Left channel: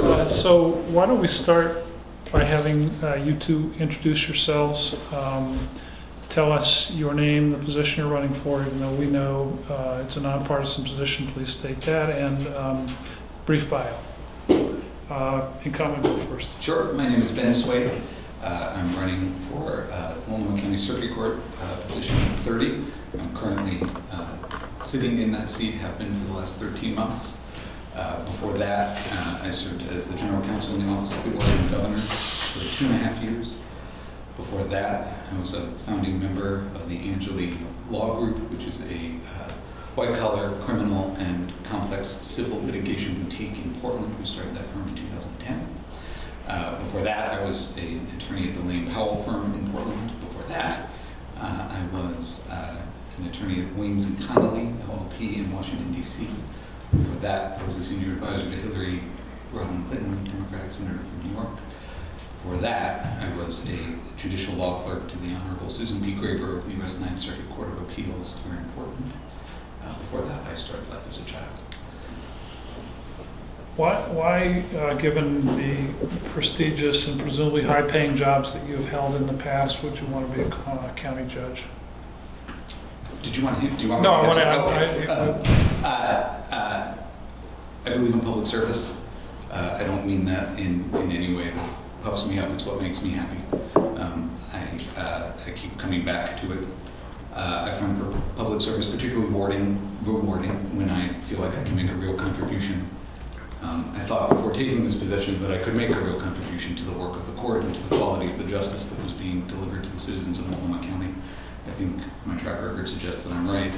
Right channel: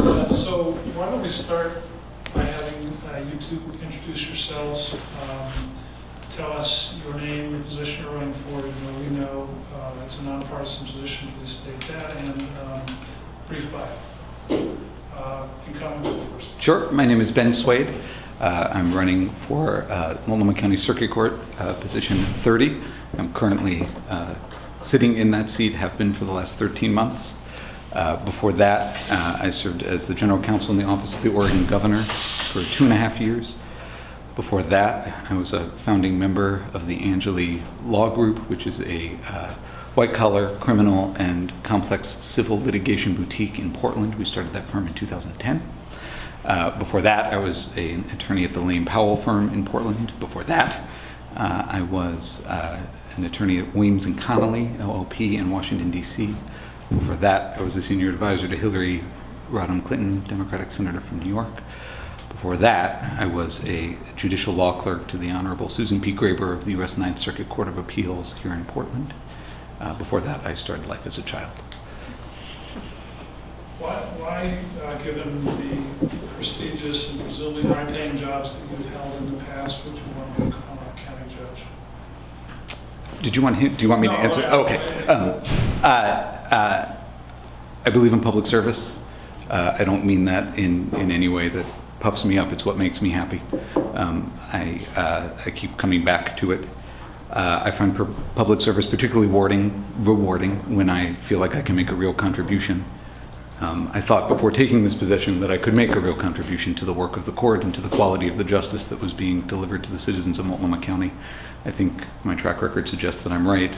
So why don't we start by having you two introduce yourselves. Tell us your name, the position you're running for. We know it's a nonpartisan position. Please state that, and brief bio. Incumbent, go first. Sure. My name is Ben Swade. I'm running for Multnomah County Circuit Court, position 30. I'm currently sitting in that seat, have been for the last 13 months. Before that, I served as the General Counsel in the Office of the Oregon Governor for 2.5 years. Before that, I was a founding member of the Angeli Law Group, which is a white-collar criminal and complex civil litigation boutique in Portland. We started that firm in 2010. Before that, I was an attorney at the Lane Powell firm in Portland. Before that, I was an attorney at Williams & Connolly, LLP, in Washington, D.C. Before that, I was a senior advisor to Hillary Rodham Clinton, Democratic senator from New York. Before that, I was a judicial law clerk to the Honorable Susan P. Graber of the U.S. Ninth Circuit Court of Appeals here in Portland. Before that, I started life as a child. Why, given the prestigious and presumably high-paying jobs that you've held in the past, would you want to be a county judge? Do you want me to answer? Okay. I believe in public service. I don't mean that in any way that puffs me up. It's what makes me happy. I keep coming back to it. I find public service particularly rewarding when I feel like I can make a real contribution. I thought before taking this position that I could make a real contribution to the work of the court and to the quality of the justice that was being delivered to the citizens of Multnomah County. I think my track record suggests that I'm right.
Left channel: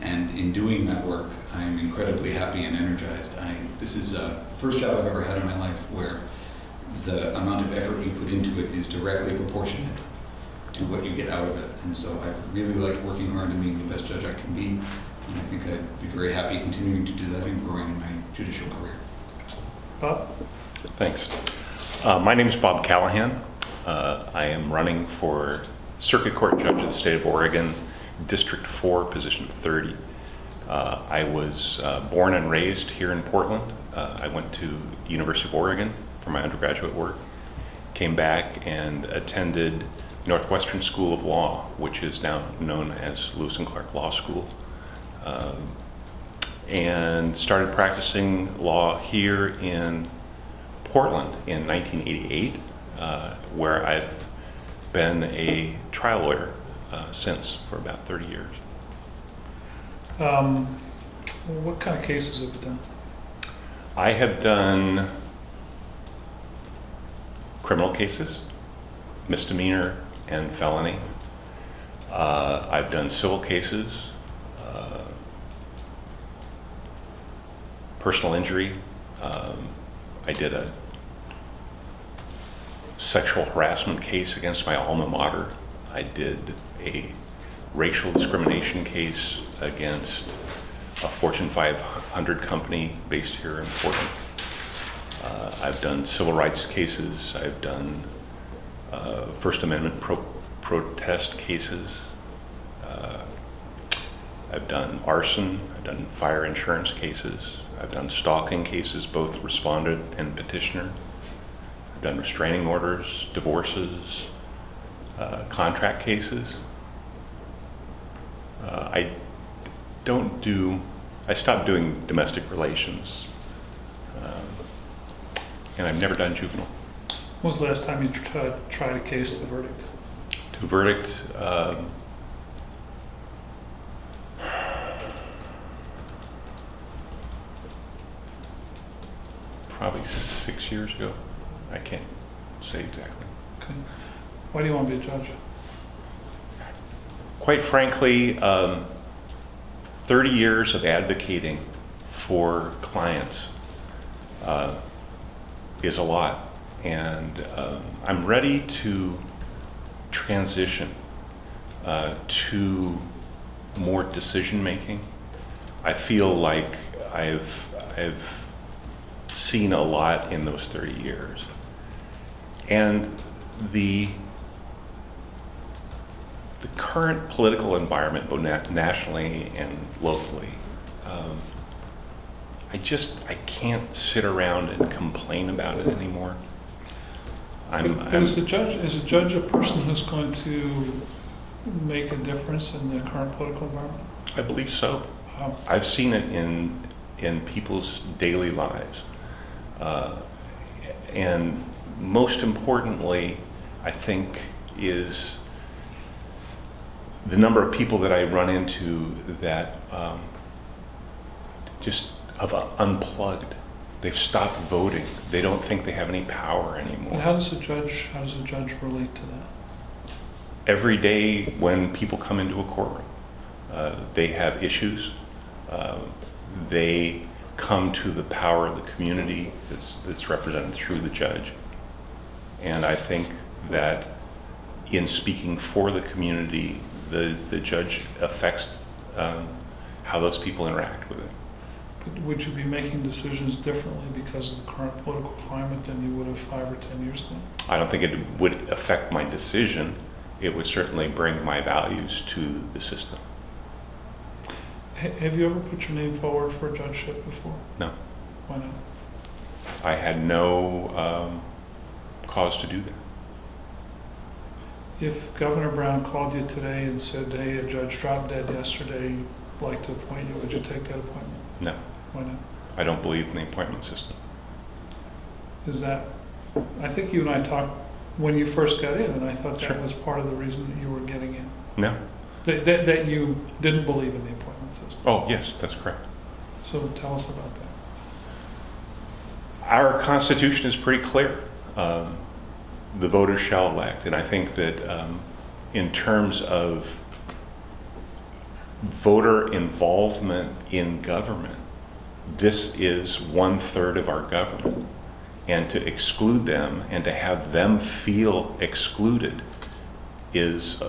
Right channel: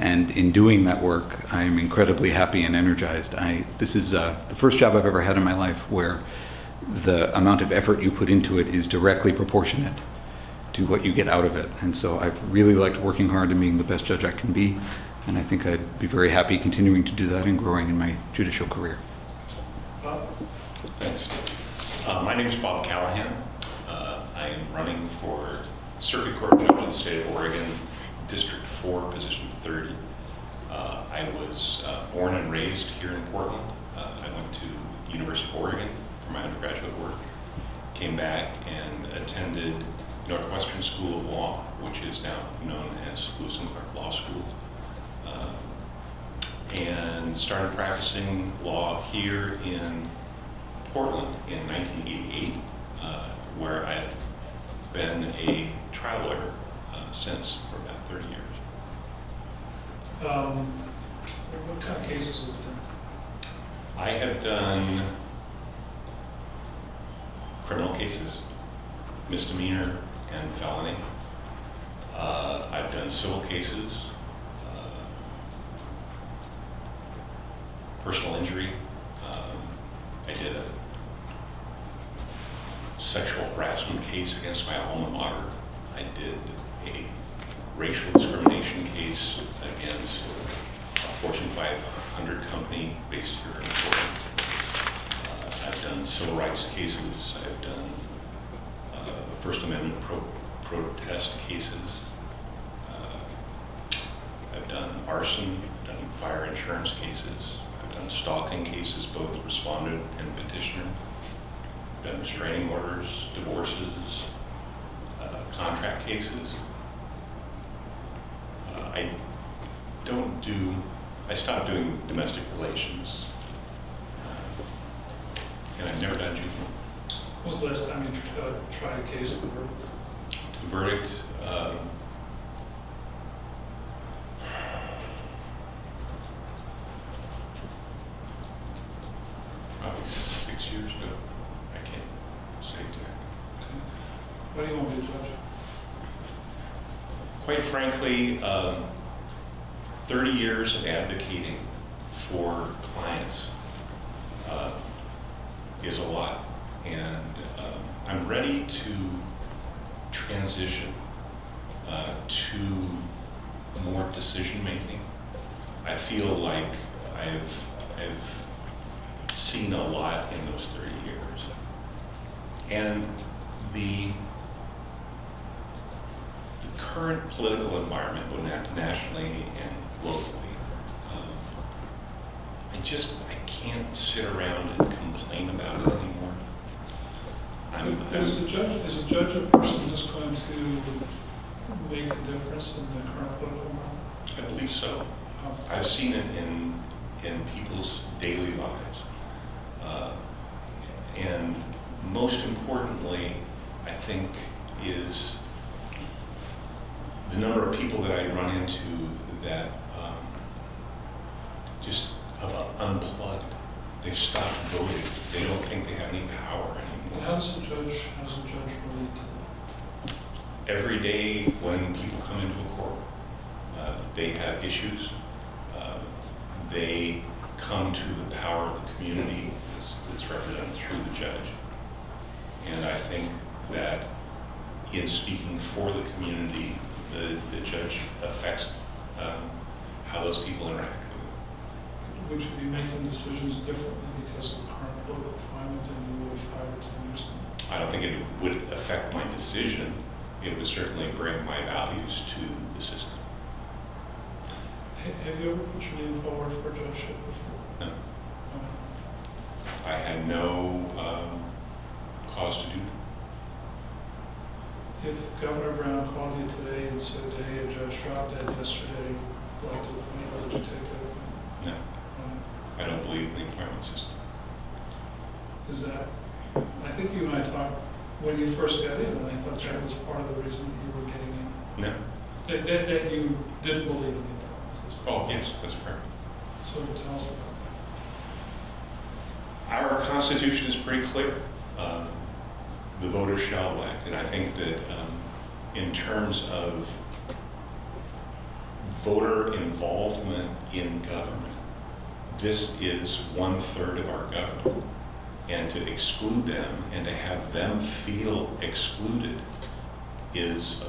And in doing that work, I am incredibly happy and energized. This is the first job I've ever had in my life where the amount of effort you put into it is directly proportionate to what you get out of it. And so I've really liked working hard and being the best judge I can be. And I think I'd be very happy continuing to do that and growing in my judicial career. Bob? Thanks. My name is Bob Callahan. I am running for Circuit Court Judge of the State of Oregon, District 4, position 30. I was born and raised here in Portland. I went to University of Oregon for my undergraduate work, came back and attended Northwestern School of Law, which is now known as Lewis and Clark Law School, and started practicing law here in Portland in 1988, where I've been a trial lawyer since for about 30 years. What kind of cases have you done? I have done criminal cases, misdemeanor and felony. I've done civil cases, personal injury. I did a sexual harassment case against my alma mater. I did a racial discrimination case against a Fortune 500 company based here in Portland. I've done civil rights cases. I've done First Amendment protest cases. I've done arson. I've done fire insurance cases. I've done stalking cases, both respondent and petitioner. I've done restraining orders, divorces, contract cases. I stopped doing domestic relations, and I've never done juvenile. When was the last time you tried a case to verdict? To verdict, probably 6 years ago. I can't say exactly. Okay. Why do you want to be a judge? Quite frankly, 30 years of advocating for clients is a lot. And I'm ready to transition to more decision making. I feel like I've seen a lot in those 30 years. And the current political environment, both nationally and locally, I can't sit around and complain about it anymore. Is a judge a person who's going to make a difference in the current political environment? I believe so. How? I've seen it in people's daily lives. And most importantly, I think, is the number of people that I run into that just have unplugged. They've stopped voting. They don't think they have any power anymore. And how does a judge relate to that? Every day when people come into a courtroom, they have issues. They come to the power of the community that's represented through the judge. And I think that in speaking for the community, the judge affects how those people interact with it. But would you be making decisions differently because of the current political climate than you would have 5 or 10 years ago? I don't think it would affect my decision. It would certainly bring my values to the system. Have you ever put your name forward for a judgeship before? No. Why not? I had no cause to do that. If Governor Brown called you today and said, hey, a judge dropped dead yesterday, would like to appoint you, would you take that appointment? No. Why not? I don't believe in the appointment system. Is that, I think you and I talked when you first got in, and I thought that Sure. was part of the reason that you were getting in. No. That you didn't believe in the appointment system. Oh, yes, that's correct. So tell us about that. Our Constitution is pretty clear. The voters shall elect. And I think that in terms of voter involvement in government, this is 1/3 of our government. And to exclude them and to have them feel excluded is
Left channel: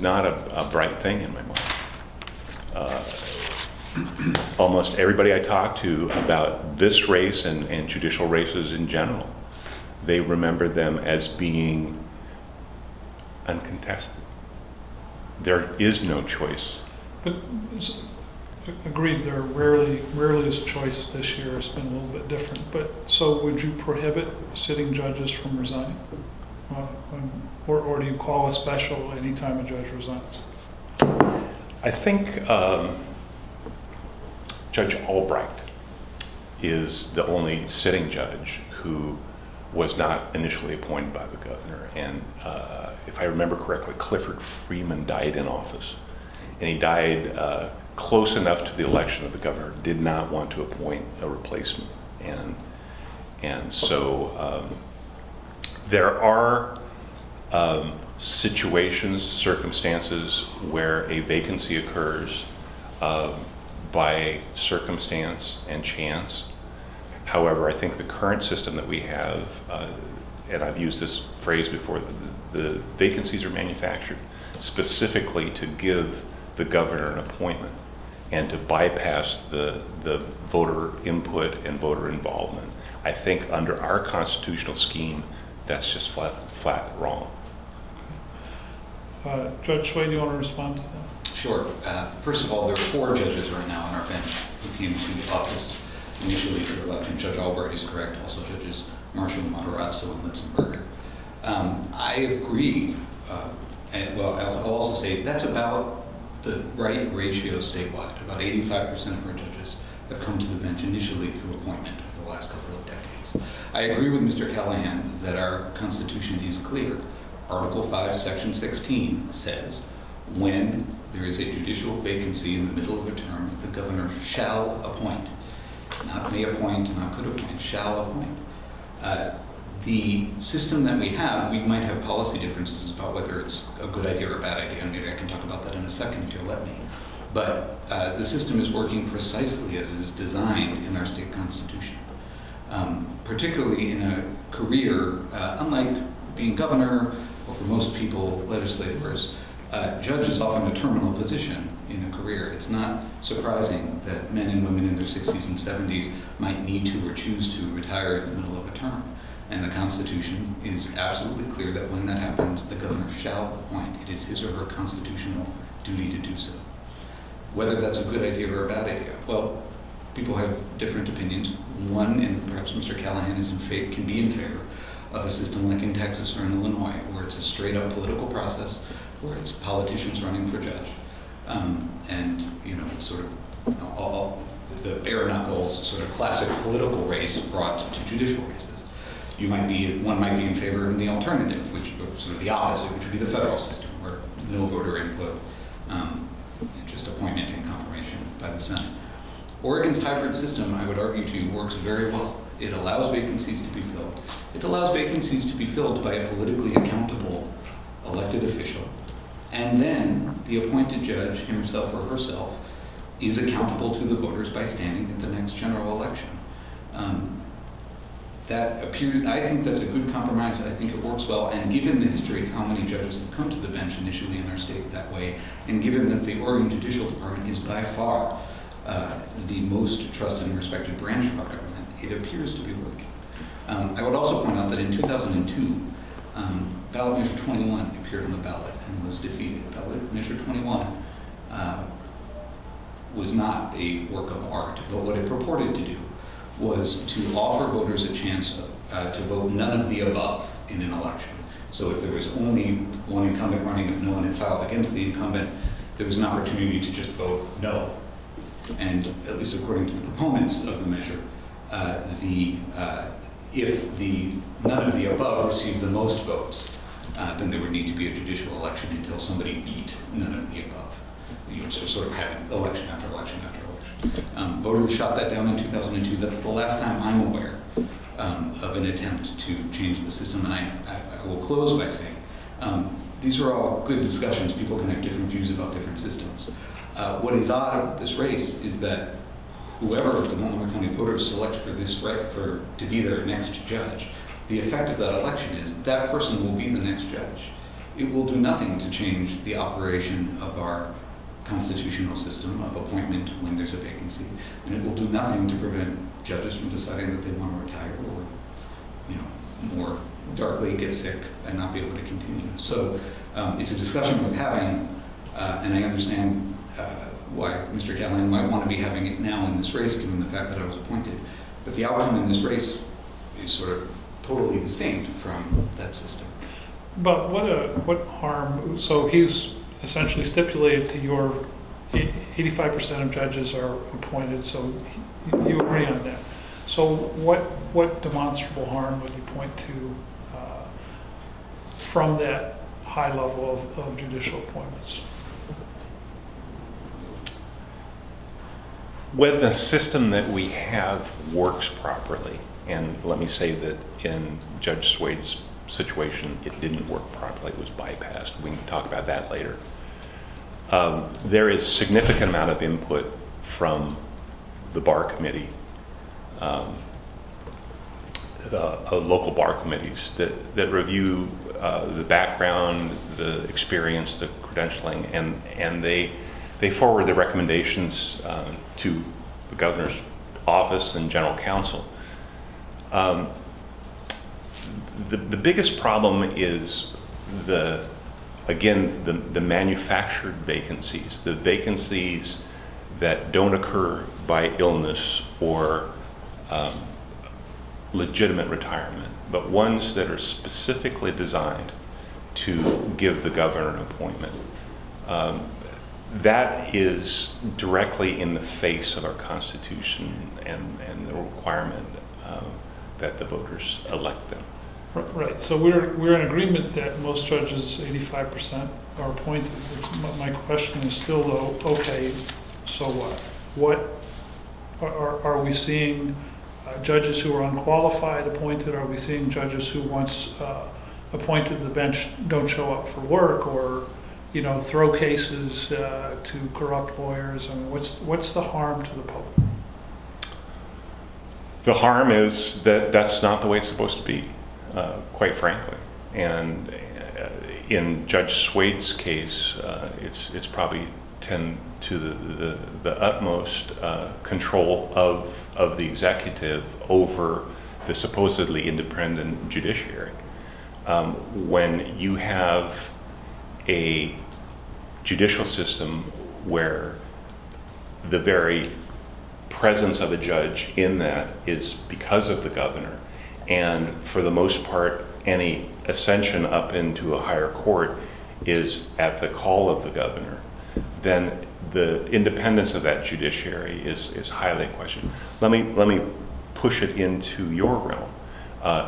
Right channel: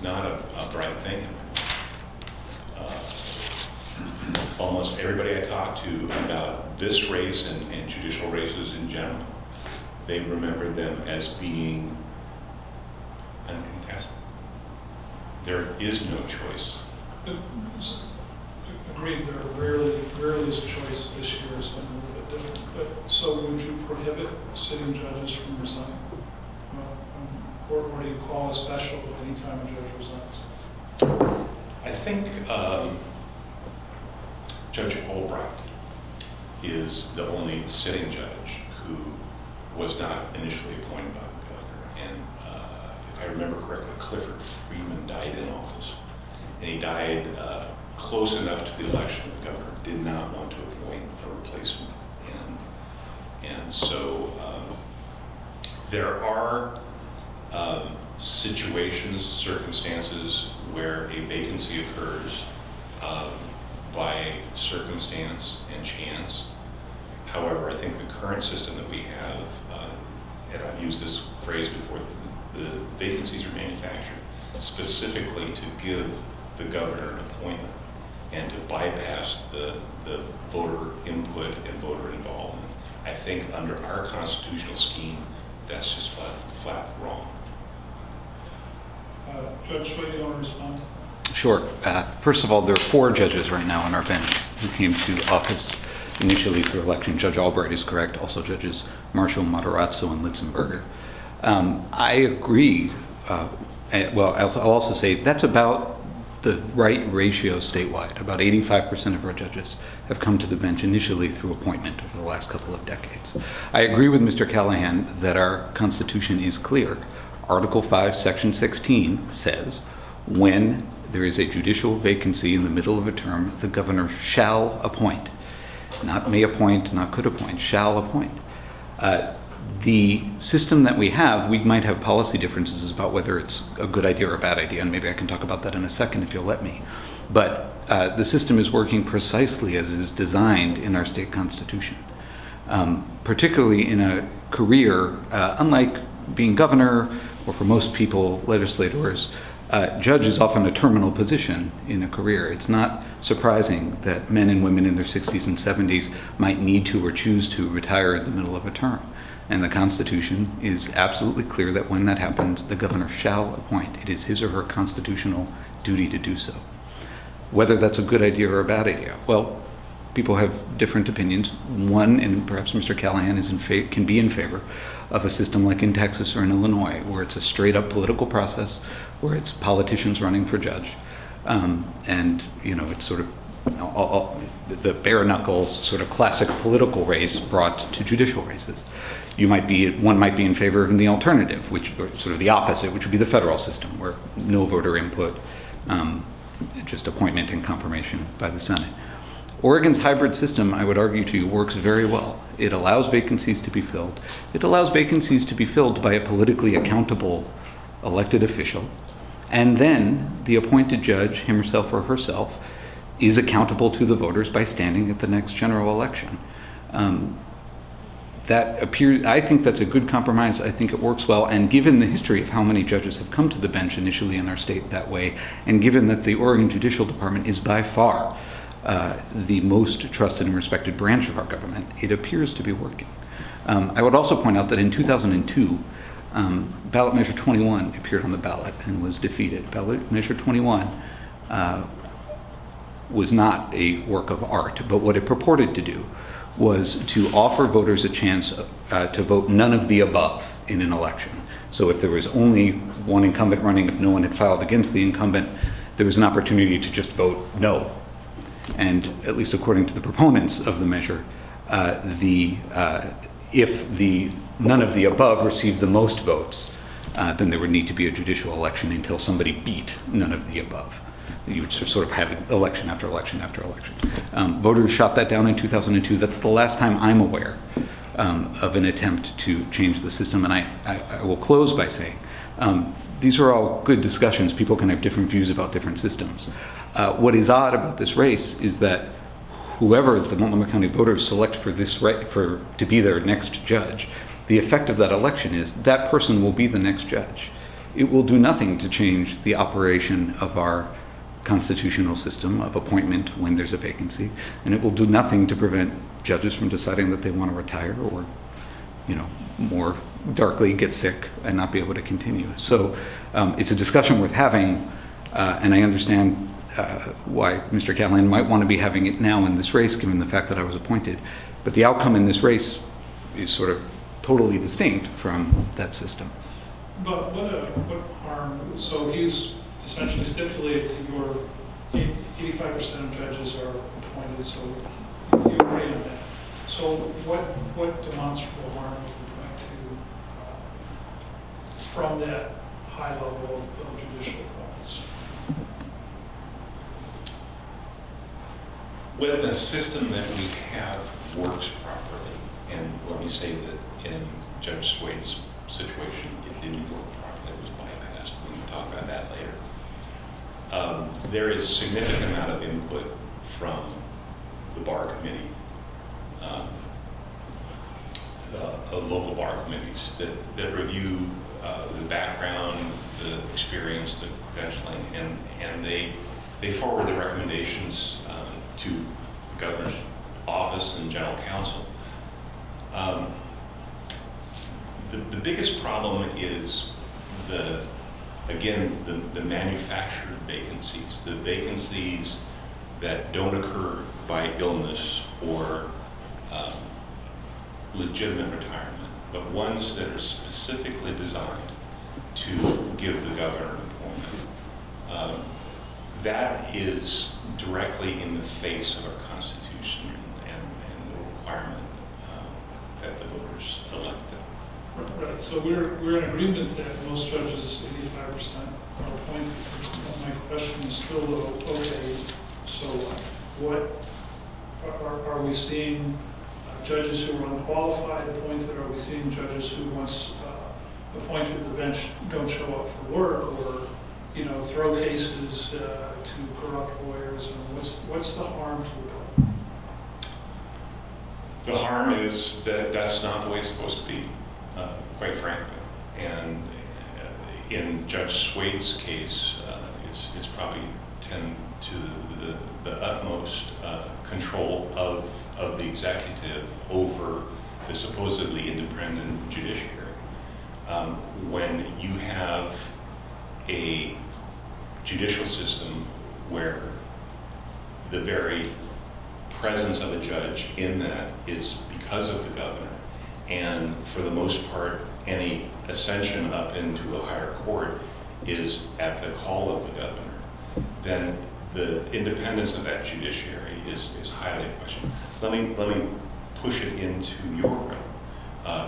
not a bright thing in my mind. Almost everybody I talk to about this race and judicial races in general, they remember them as being uncontested. There is no choice. But agreed, there rarely is a choice this year. It's been a little bit different. But so would you prohibit sitting judges from resigning? Or do you call a special anytime a judge resigns? I think Judge Albright is the only sitting judge who was not initially appointed by the governor. And if I remember correctly, Clifford Freeman died in office. And he died close enough to the election of the governor, did not want to appoint a replacement. And so there are situations, circumstances where a vacancy occurs by circumstance and chance. However, I think the current system that we have, and I've used this phrase before, the vacancies are manufactured specifically to give the governor an appointment and to bypass the voter input and voter involvement. I think under our constitutional scheme, that's just flat wrong. Judge Sway, do you want to respond to that? Sure. First of all, there are 4 judges right now on our bench who came to office initially through election. Judge Albright is correct. Also Judges Marshall, Matarazzo, and Litzenberger. I agree. Well, I'll also say that's about the right ratio statewide. About 85% of our judges have come to the bench initially through appointment over the last couple of decades. I agree with Mr. Callahan that our Constitution is clear. Article 5, Section 16 says, when there is a judicial vacancy in the middle of a term, the governor shall appoint. Not may appoint, not could appoint, shall appoint. The system that we have, we might have policy differences about whether it's a good idea or a bad idea, and maybe I can talk about that in a second if you'll let me. But the system is working precisely as it is designed in our state constitution. Particularly in a career, unlike being governor, or for most people, legislators, judge is often a terminal position in a career. It's not surprising that men and women in their 60s and 70s might need to or choose to retire in the middle of a term. And the Constitution is absolutely clear that when that happens, the governor shall appoint. It is his or her constitutional duty to do so. Whether that's a good idea or a bad idea. Well, people have different opinions. One, and perhaps Mr. Callahan can be in favor of a system like in Texas or in Illinois, where it's a straight-up political process, where it's politicians running for judge, and it's sort of the bare knuckles, sort of classic political race brought to judicial races. One might be in favor of the alternative, which or sort of the opposite, which would be the federal system, where no voter input, just appointment and confirmation by the Senate. Oregon's hybrid system, I would argue to you, works very well. It allows vacancies to be filled. It allows vacancies to be filled by a politically accountable elected official. And then the appointed judge, him or herself, is accountable to the voters by standing at the next general election. I think that's a good compromise. I think it works well. And given the history of how many judges have come to the bench initially in our state that way, and given that the Oregon Judicial Department is by far the most trusted and respected branch of our government, it appears to be working. I would also point out that in 2002, ballot measure 21 appeared on the ballot and was defeated. Ballot measure 21 was not a work of art, but what it purported to do was to offer voters a chance to vote none of the above in an election. So if there was only one incumbent running, if no one had filed against the incumbent, there was an opportunity to just vote no. And at least according to the proponents of the measure, if the none of the above received the most votes, then there would need to be a judicial election until somebody beat none of the above. You would sort of have election after election after election. Voters shot that down in 2002. That's the last time I'm aware of an attempt to change the system. And I will close by saying these are all good discussions. People can have different views about different systems. What is odd about this race is that whoever the Multnomah County voters select to be their next judge, the effect of that election is that person will be the next judge. It will do nothing to change the operation of our constitutional system of appointment when there's a vacancy, and it will do nothing to prevent judges from deciding that they want to retire or, more darkly, get sick and not be able to continue. So it's a discussion worth having, and I understand why Mr. Callahan might want to be having it now in this race, given the fact that I was appointed. But the outcome in this race is sort of totally distinct from that system. But what harm? So he's essentially stipulated to your 85% of judges are appointed, so you agree on that. So what demonstrable harm would you point to from that high level of judicial appointments? When the system that we have works properly, and let me say that in Judge Swade's situation, it didn't work properly, it was bypassed. We can talk about that later. There is significant amount of input from the bar committee, local bar committees that review the background, the experience, the credentialing, and they forward the recommendations to the governor's office and general counsel. The biggest problem is the manufactured vacancies, the vacancies that don't occur by illness or legitimate retirement, but ones that are specifically designed to give the governor an appointment. That is directly in the face of our Constitution and the requirement that the voters elect them. Right. So we're in agreement that most judges, 85%, are appointed. But my question is still, though, okay, so what? Are we seeing judges who are unqualified appointed? Are we seeing judges who once appointed to the bench don't show up for work, or throw cases to corrupt lawyers? And what's the harm to the public? The harm is that that's not the way it's supposed to be, quite frankly. And in Judge Swade's case, it's probably tend to the utmost control of the executive over the supposedly independent judiciary. When you have a judicial system where the very presence of a judge in that is because of the governor. And for the most part, any ascension up into a higher court is at the call of the governor. Then the independence of that judiciary is highly questioned. Let me push it into your realm.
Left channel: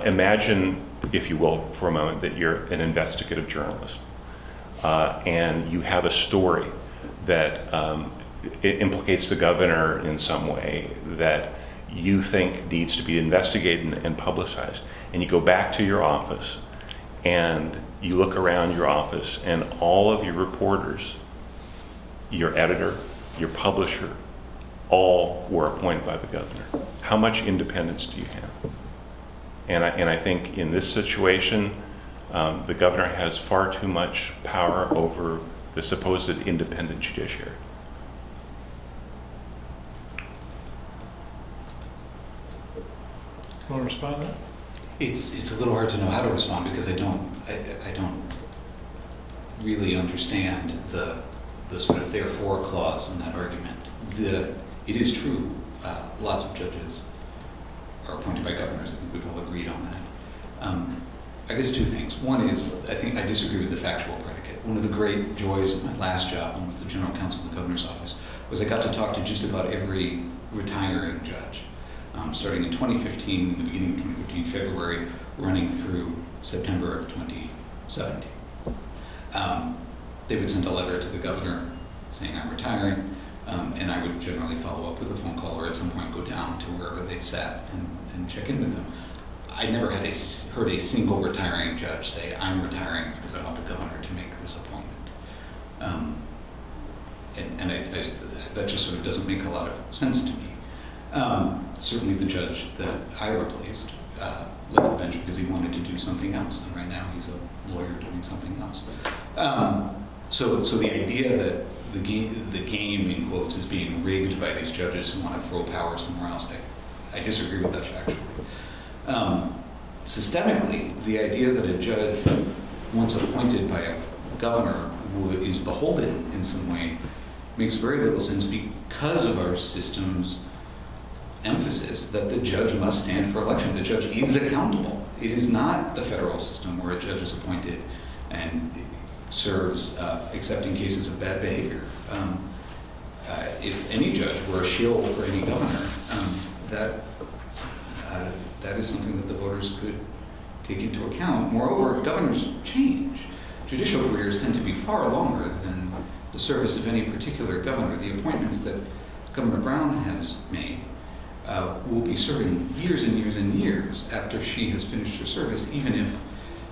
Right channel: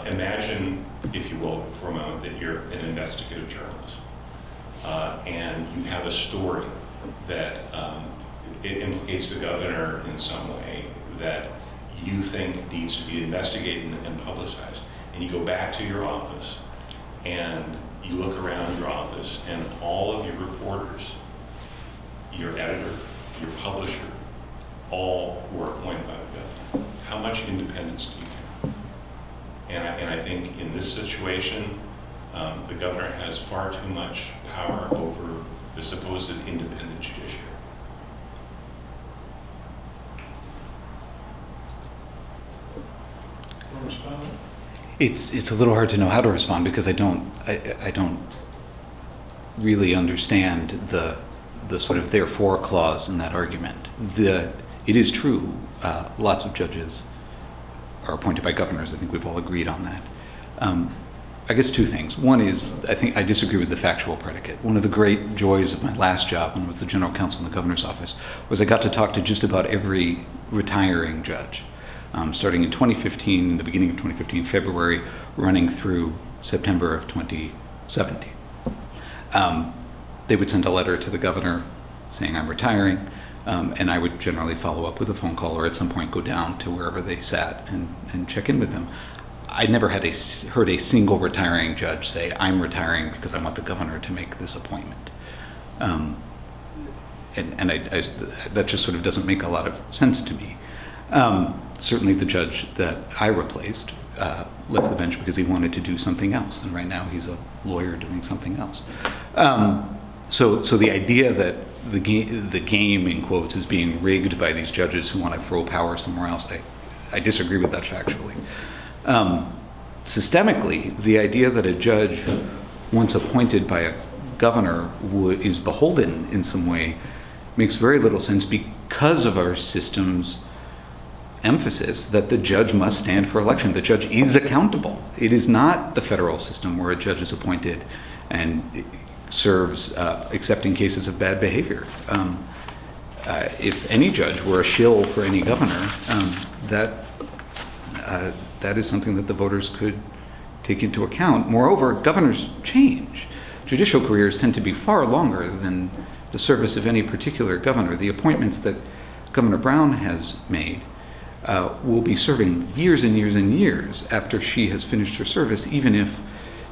Imagine, if you will, for a moment, that you're an investigative journalist, and you have a story that it implicates the governor in some way that you think needs to be investigated and publicized. And you go back to your office, and you look around your office, and all of your reporters, your editor, your publisher, all were appointed by the governor. How much independence do you have? And I think in this situation, the governor has far too much power over the supposed independent judiciary. Want to respond to that? It's a little hard to know how to respond because I don't really understand the sort of therefore clause in that argument. It is true, lots of judges are appointed by governors. I think we've all agreed on that. I guess two things. One is, I think I disagree with the factual predicate. One of the great joys of my last job, when I was the general counsel in the governor's office, was I got to talk to just about every retiring judge, starting in 2015, the beginning of 2015, February, running through September of 2017. They would send a letter to the governor saying I'm retiring, and I would generally follow up with a phone call or at some point go down to wherever they sat and check in with them. I never had heard a single retiring judge say, I'm retiring because I want the governor to make this appointment. That just sort of doesn't make a lot of sense to me. Certainly the judge that I replaced left the bench because he wanted to do something else, and right now he's a lawyer doing something else. So the idea that the game, in quotes, is being rigged by these judges who want to throw power somewhere else, I disagree with that factually. Systemically, the idea that a judge once appointed by a governor is beholden in some way makes very little sense because of our system's emphasis that the judge must stand for election. The judge is accountable. It is not the federal system where a judge is appointed and serves except in cases of bad behavior. If any judge were a shill for any governor, that is something that the voters could take into account. Moreover, governors change. Judicial careers tend to be far longer than the service of any particular governor. The appointments that Governor Brown has made will be serving years and years and years after she has finished her service, even if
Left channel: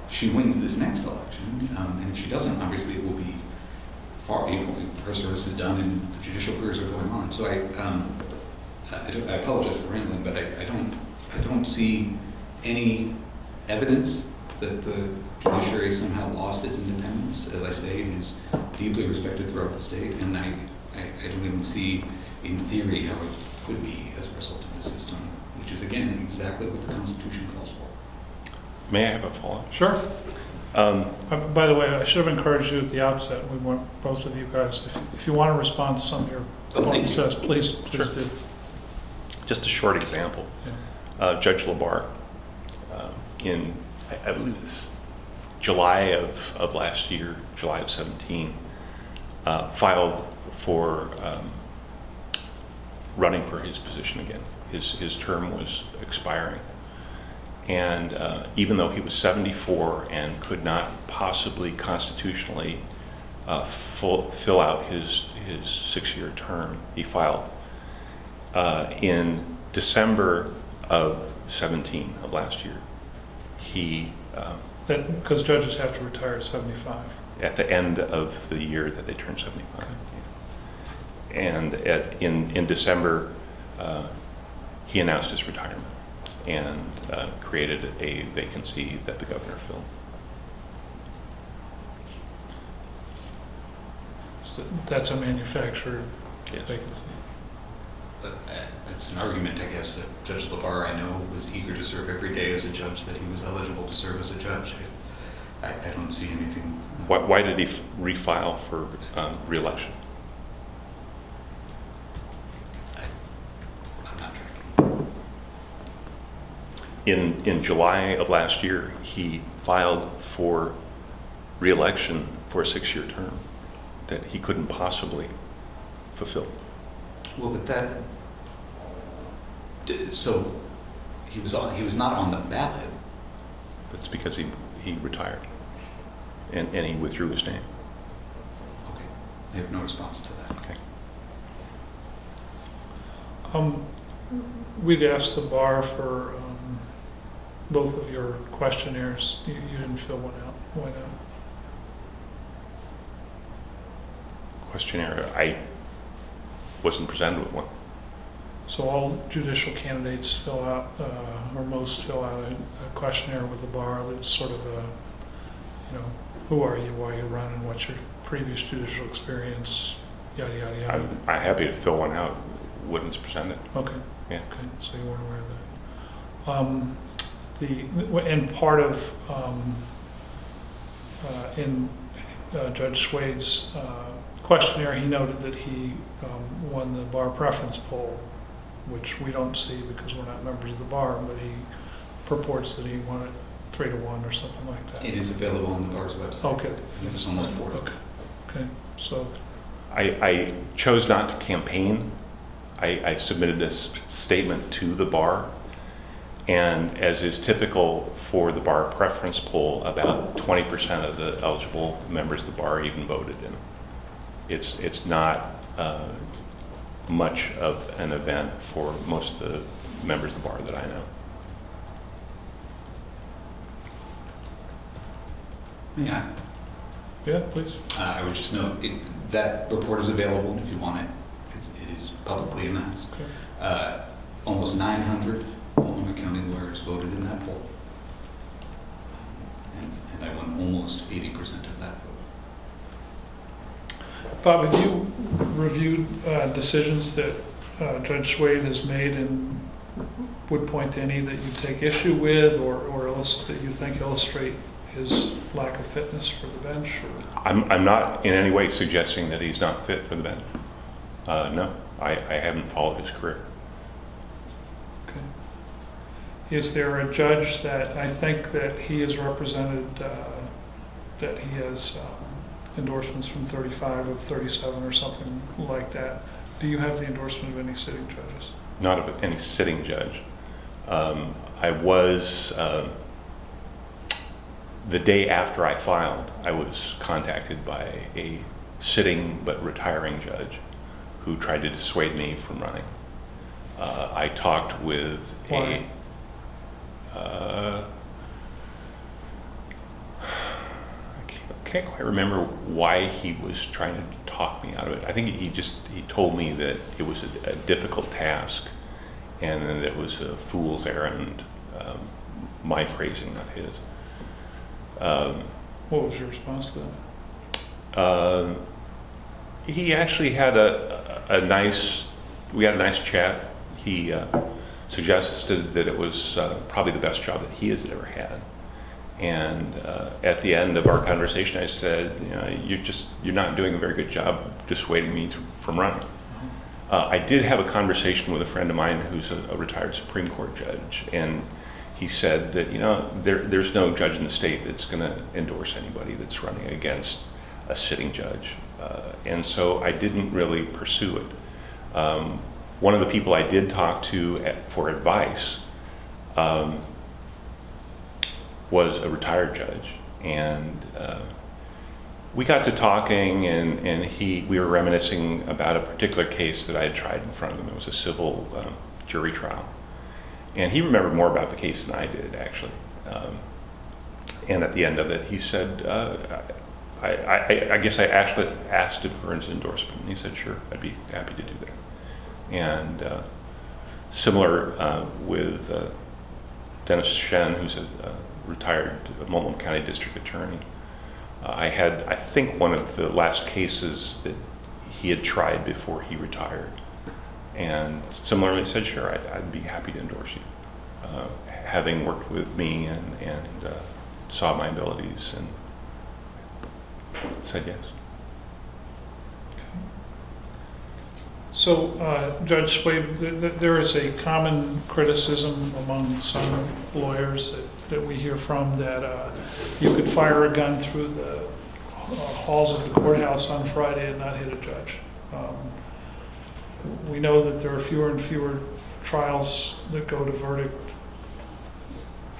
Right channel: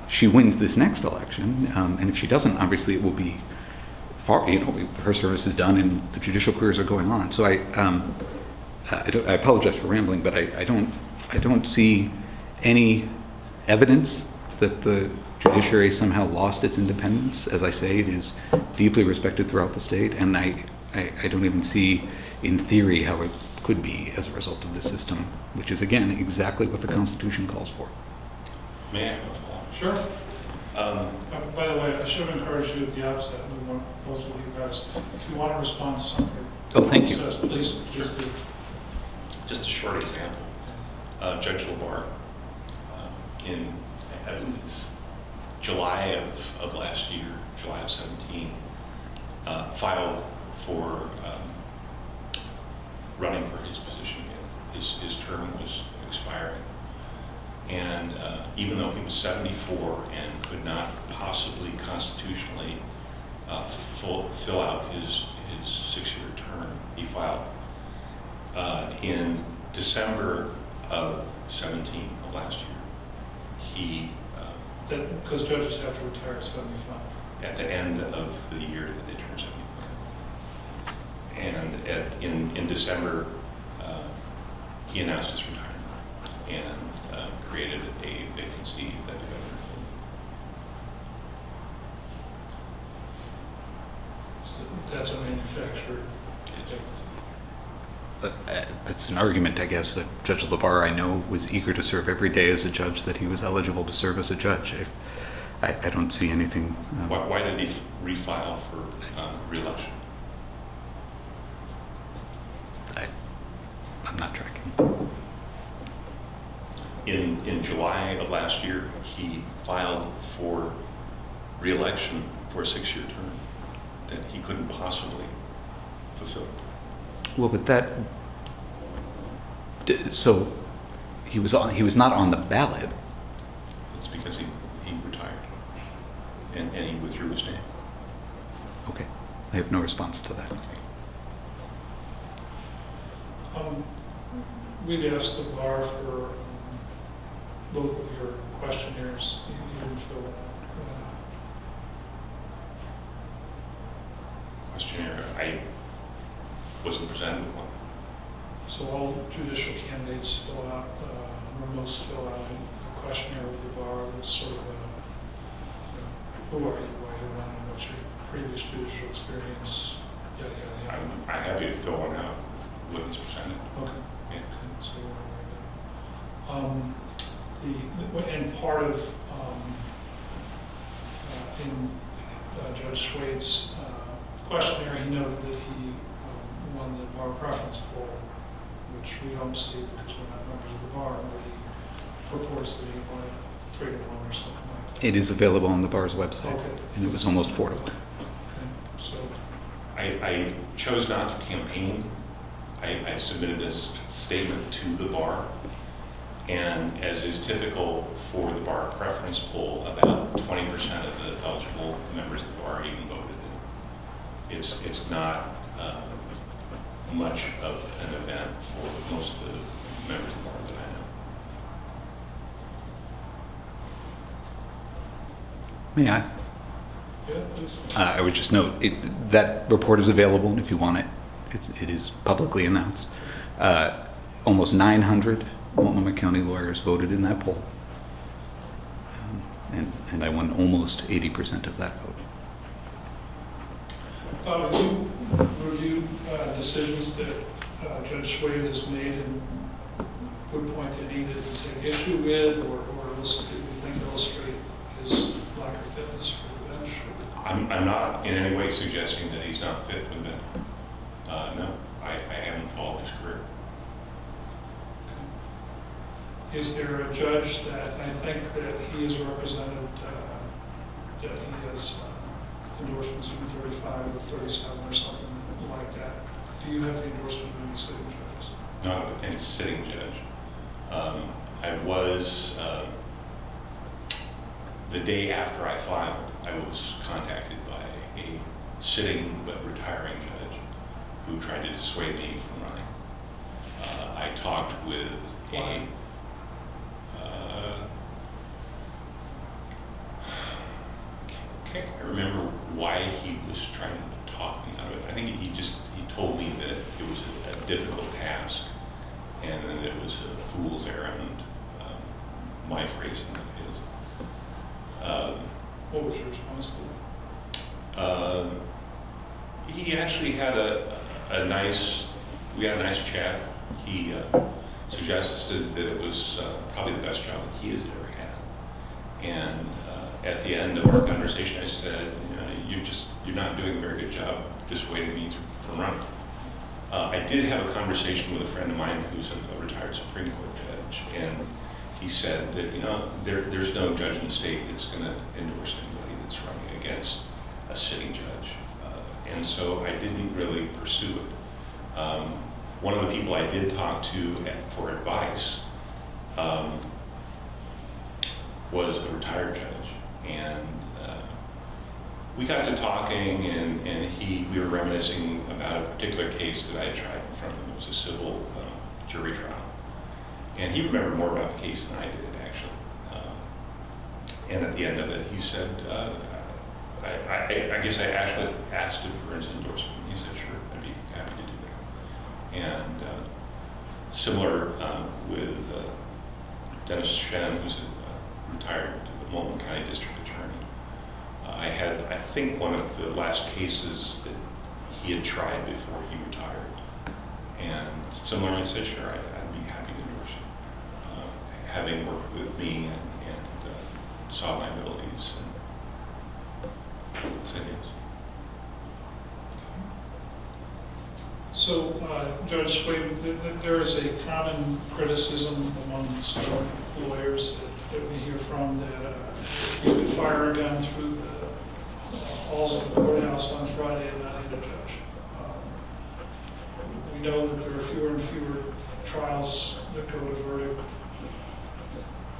she wins this next election. And if she doesn't, obviously it will be far, her service is done and the judicial careers are going on. So I apologize for rambling, but I don't see any evidence that the judiciary somehow lost its independence. As I say, it is deeply respected throughout the state, and I don't even see in theory how it could be as a result of this system, which is, again, exactly what the Constitution calls for. May I have a follow-up? Sure. By the way, I should have encouraged you at the outset. We want both of you guys, if you want to respond to something your opponent says, please do. Just a short example. Judge LaBarre, in, I believe it's July of last year, July of 17, filed for running for his position again. His term was expiring. And even though he was 74 and could not possibly constitutionally fill out his 6-year term, he filed. In December of 17 of last year, he... Because judges have to retire at 75. At the end of the year that they turn 75. Okay. And in December, he announced his retirement and created a vacancy that the governor filled. So that's a manufactured vacancy. But it's an argument, I guess, that Judge LaBarre, I know, was eager to serve every day as a judge, that he was eligible to serve as a judge. I don't see anything... Why did he refile for re-election? In July of last year, he filed for re-election for a 6-year term that he couldn't possibly fulfill. Well, but that, so he was not on the ballot. That's because he retired and he withdrew his name. Okay, I have no response to that. Okay. We'd asked the bar for both of your questionnaires. You didn't fill one out. Why not? Questionnaire, I wasn't presented with one. So all judicial candidates fill out, or most fill out a questionnaire with the bar that's sort of who are you, why you're running, what's your previous judicial experience, yada, yada, yada. I'm happy to fill one out when it's presented. Okay. Yeah. Okay, so you weren't aware of that. And part of, in Judge Swade's questionnaire, he noted that he won the bar preference poll, which we don't see because we're not members of the bar, but he purports that he won it 3-1 or something like that. It is available on the bar's website. Okay. And it was almost 4-2. Okay, so. I chose not to campaign. I submitted this statement to the bar, and as is typical for the bar preference poll, about 20% of the eligible members of the bar even voted in. It's not much of an event for most of the members of the bar that I know. May I? Yeah, please. I would just note that report is available if you want it. It is publicly announced. Almost 900 Multnomah County lawyers voted in that poll. And I won almost 80% of that vote. Bob, have you reviewed decisions that Judge Swade has made and would point to any that you take issue with or else that you think illustrate his lack of fitness for the bench? I'm not in any way suggesting that he's not fit for the bench. No, I haven't followed his career. Okay. Is there a judge that I think that he has represented, that he has endorsements from 35 or 37 or something like that? Do you have the endorsement of any sitting judges? Not of any sitting judge. I was, the day after I filed, I was contacted by a sitting but retiring judge who tried to dissuade me from running. I talked with Why? Can't quite remember why he was trying to talk me out of it. I think he told me that it was a difficult task and that it was a fool's errand, my phrasing, not his. What was your response to that? He actually had we had a nice chat. He suggested that it was probably the best job that he has ever had. And at the end of our conversation, I said, you're not doing a very good job dissuading me from running. I did have a conversation with a friend of mine who's a retired Supreme Court judge, and he said that there's no judge in the state that's going to endorse anybody that's running against a sitting judge, and so I didn't really pursue it. One of the people I did talk to for advice was a retired judge, and we got to talking, and we were reminiscing about a particular case that I had tried in front of him. It was a civil jury trial, and he remembered more about the case than I did, actually. And at the end of it, he said, I guess I actually asked him for his endorsement, and he said, sure, I'd be happy to do that. And similar with Dennis Shen, who's a retired Multnomah County District Attorney. I think one of the last cases that he had tried before he retired. And similarly said, sure, I'd be happy to endorse you. Having worked with me and saw my abilities and said yes. So, Judge Swade, there is a common criticism among some lawyers that we hear from that you could fire a gun through the halls of the courthouse on Friday and not hit a judge. We know that there are fewer and fewer trials that go to verdict,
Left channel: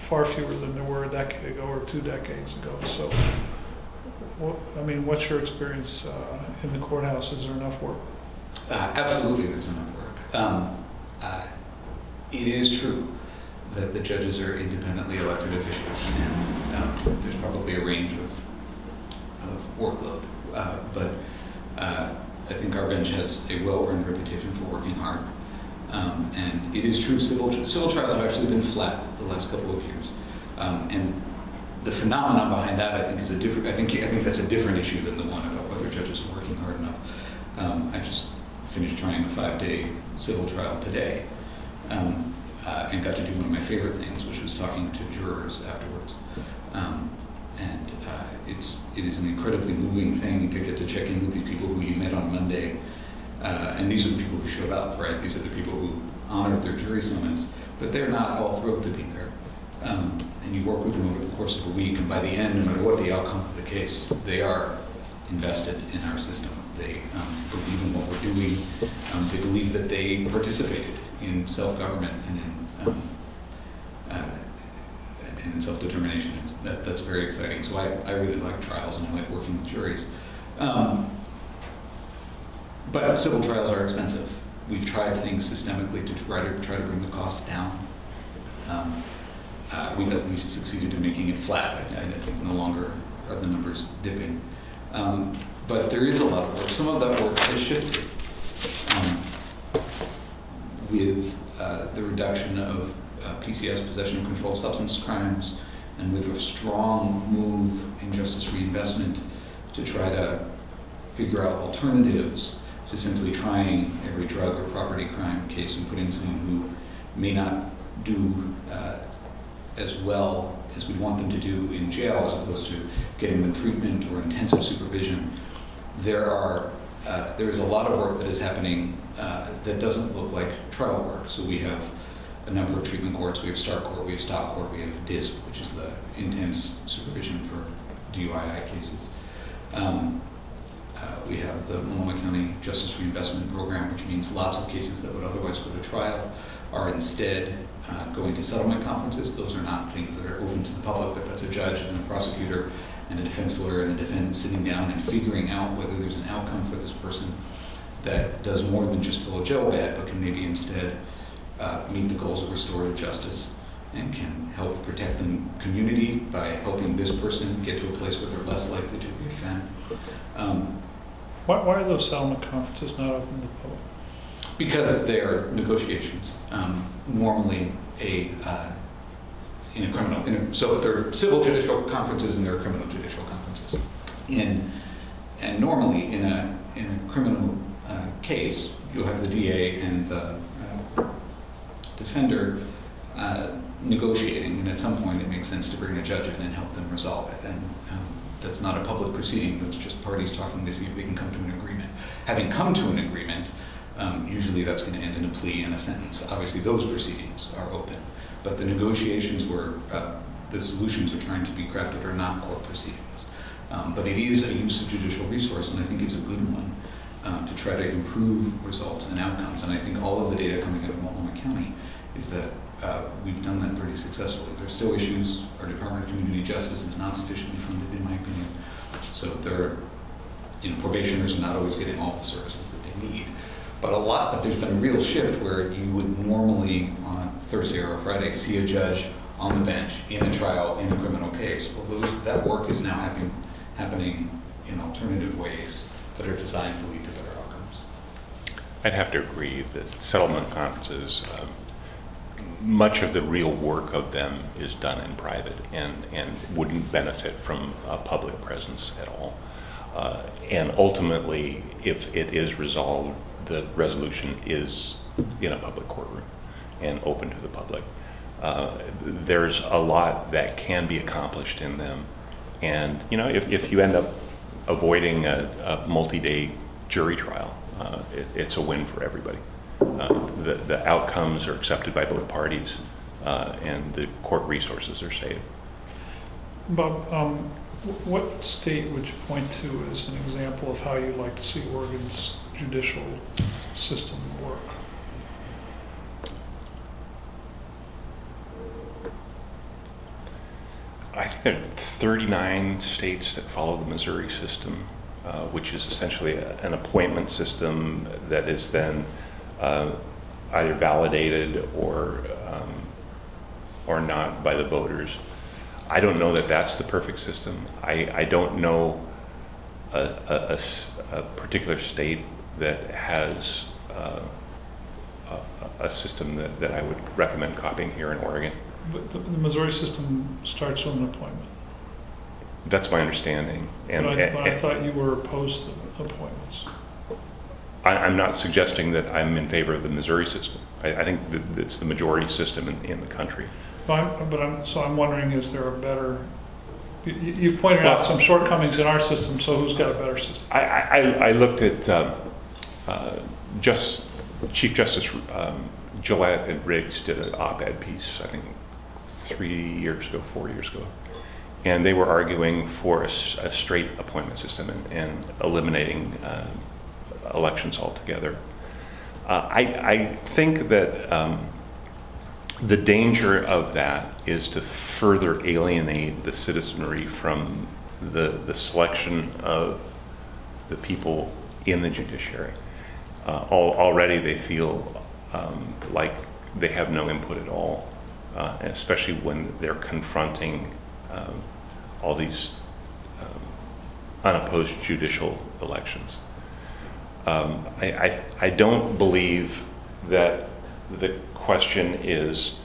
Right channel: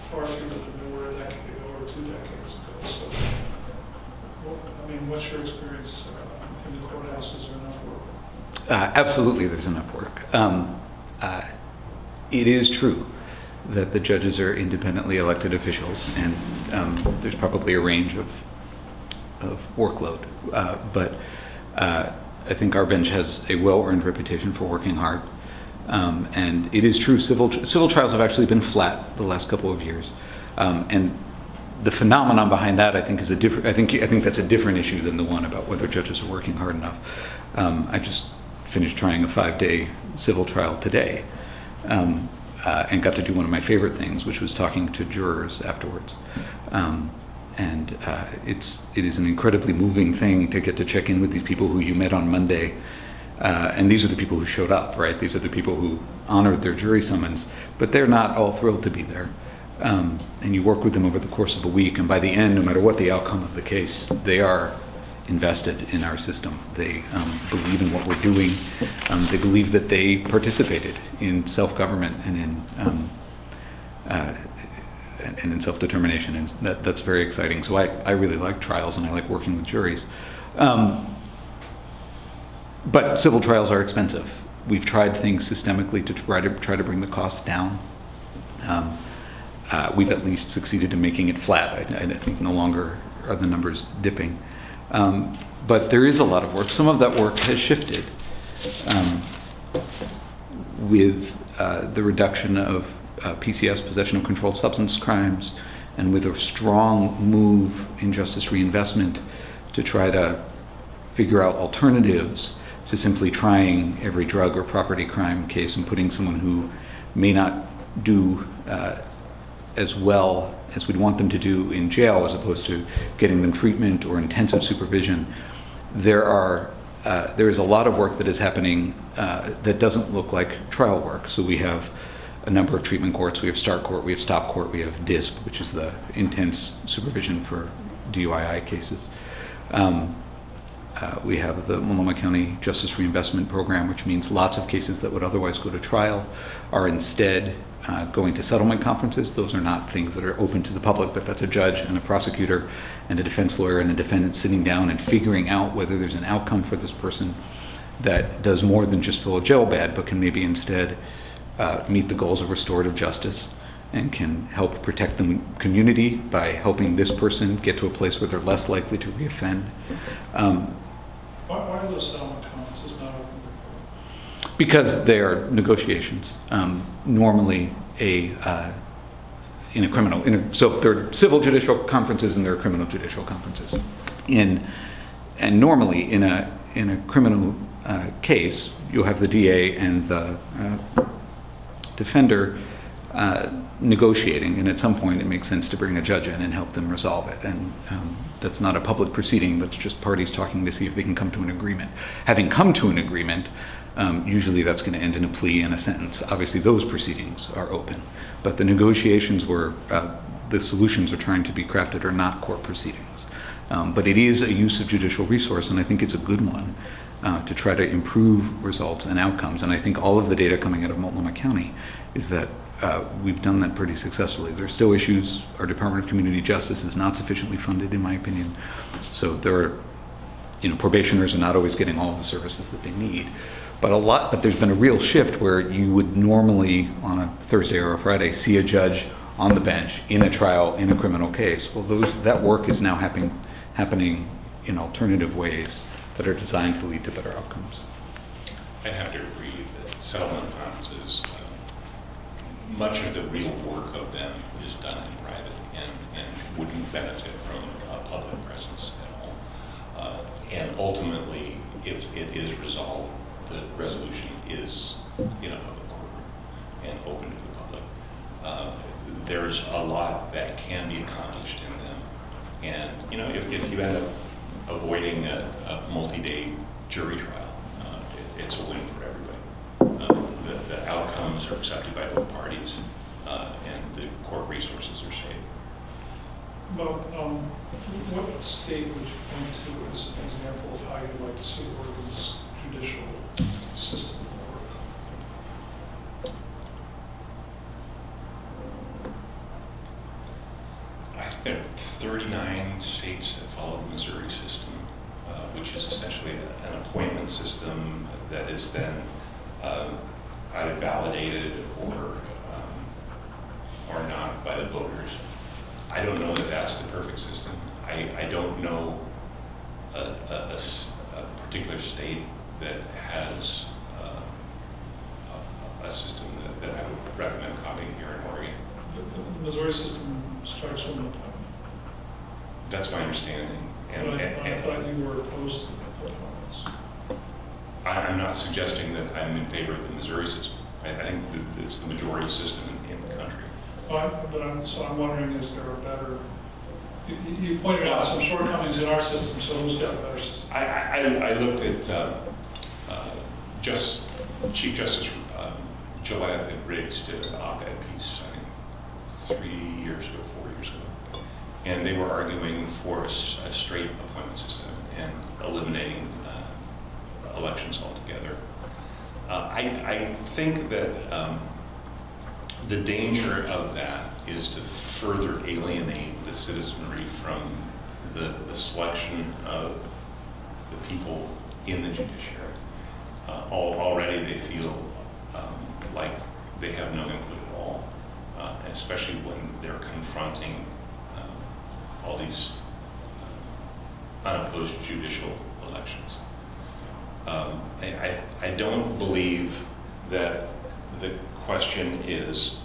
far fewer than there were a decade ago or 2 decades ago. So, what's your experience in the courthouse? Is there enough work? Absolutely, there's enough work. It is true that the judges are independently elected officials, and there's probably a range of workload. But I think our bench has a well-earned reputation for working hard. And it is true, civil trials have actually been flat the last couple of years. And the phenomenon behind that, I think, is a different. I think that's a different issue than the one about whether judges are working hard enough. I just finished trying a 5-day civil trial today, and got to do one of my favorite things, which was talking to jurors afterwards. It is an incredibly moving thing to get to check in with these people who you met on Monday. And these are the people who showed up, right? These are the people who honored their jury summons, but they're not all thrilled to be there. And you work with them over the course of a week, and by the end, no matter what the outcome of the case, they are invested in our system. They believe in what we're doing. They believe that they participated in self-government and in self-determination, and that's very exciting. So I really like trials, and I like working with juries. But civil trials are expensive. We've tried things systemically to try to bring the cost down. We've at least succeeded in making it flat. I think no longer are the numbers dipping. But there is a lot of work. Some of that work has shifted with the reduction of PCS, possession of controlled substance crimes, and with a strong move in justice reinvestment to try to figure out alternatives to simply trying every drug or property crime case and putting someone who may not do as well as we'd want them to do in jail, as opposed to getting them treatment or intensive supervision. There is a lot of work that is happening that doesn't look like trial work. So we have a number of treatment courts. We have START court, we have STOP court, we have DISP, which is the intense supervision for DUI cases. We have the Multnomah County Justice Reinvestment Program, which means lots of cases that would otherwise go to trial are instead going to settlement conferences. Those are not things that are open to the public, but that's a judge and a prosecutor and a defense lawyer and a defendant sitting down and figuring out whether there's an outcome for this person that does more than just fill a jail bed, but can maybe instead meet the goals of restorative justice and can help protect the community by helping this person get to a place where they're less likely to reoffend. Why are those settlement conferences not open to the public? Because they are negotiations. Normally, so there are civil judicial conferences and there are criminal judicial conferences. And normally, in a criminal case, you'll have the DA and the defender negotiating, and at some point it makes sense to bring a judge in and help them resolve it. And that's not a public proceeding, that's just parties talking to see if they can come to an agreement. Having come to an agreement, usually that's going to end in a plea and a sentence. Obviously those proceedings are open, but the negotiations where the solutions are trying to be crafted are not court proceedings. But it is a use of judicial resource, and I think it's a good one to try to improve results and outcomes. And I think all of the data coming out of Multnomah County is that we've done that pretty successfully. There's still issues. Our Department of Community Justice is not sufficiently funded, in my opinion. So there are, probationers are not always getting all the services that they need. But there's been a real shift where you would normally, on a Thursday or a Friday, see a judge on the bench in a trial in a criminal case. Well, that work is now happening in alternative ways that are designed to lead to better outcomes. I'd have to agree that settlement conferences, much of the real work of them is done in private and wouldn't benefit from a public presence at all. And ultimately, if it is resolved, the resolution is in a public courtroom and open to the public. There's a lot that can be accomplished in them. And, if you end up avoiding a multi-day jury trial, it's a win for everybody. The outcomes are accepted by both parties. and the court resources are saved. Bob, what state would you point to as an example of how you'd like to see Oregon's judicial system work? I think there are 39 states that follow the Missouri system, which is essentially an appointment system that is then either validated or not by the voters. I don't know that that's the perfect system. I don't know a particular state that has a system that I would recommend copying here in Oregon. But the Missouri system starts with an appointment. That's my understanding. And I thought you were opposed to appointments. I'm not suggesting that I'm in favor of the Missouri system. I think that it's the majority system in the country. So I'm wondering, is there a better? You've pointed out some shortcomings in our system, so who's got a better system? I looked at Chief Justice Gillette and Riggs did an op-ed piece, I think 4 years ago, and they were arguing for a straight appointment system and eliminating elections altogether. I think that the danger of that is to further alienate the citizenry from the selection of the people in the judiciary. Already they feel like they have no input at all, especially when they're confronting all these unopposed judicial elections. I don't believe that the question is,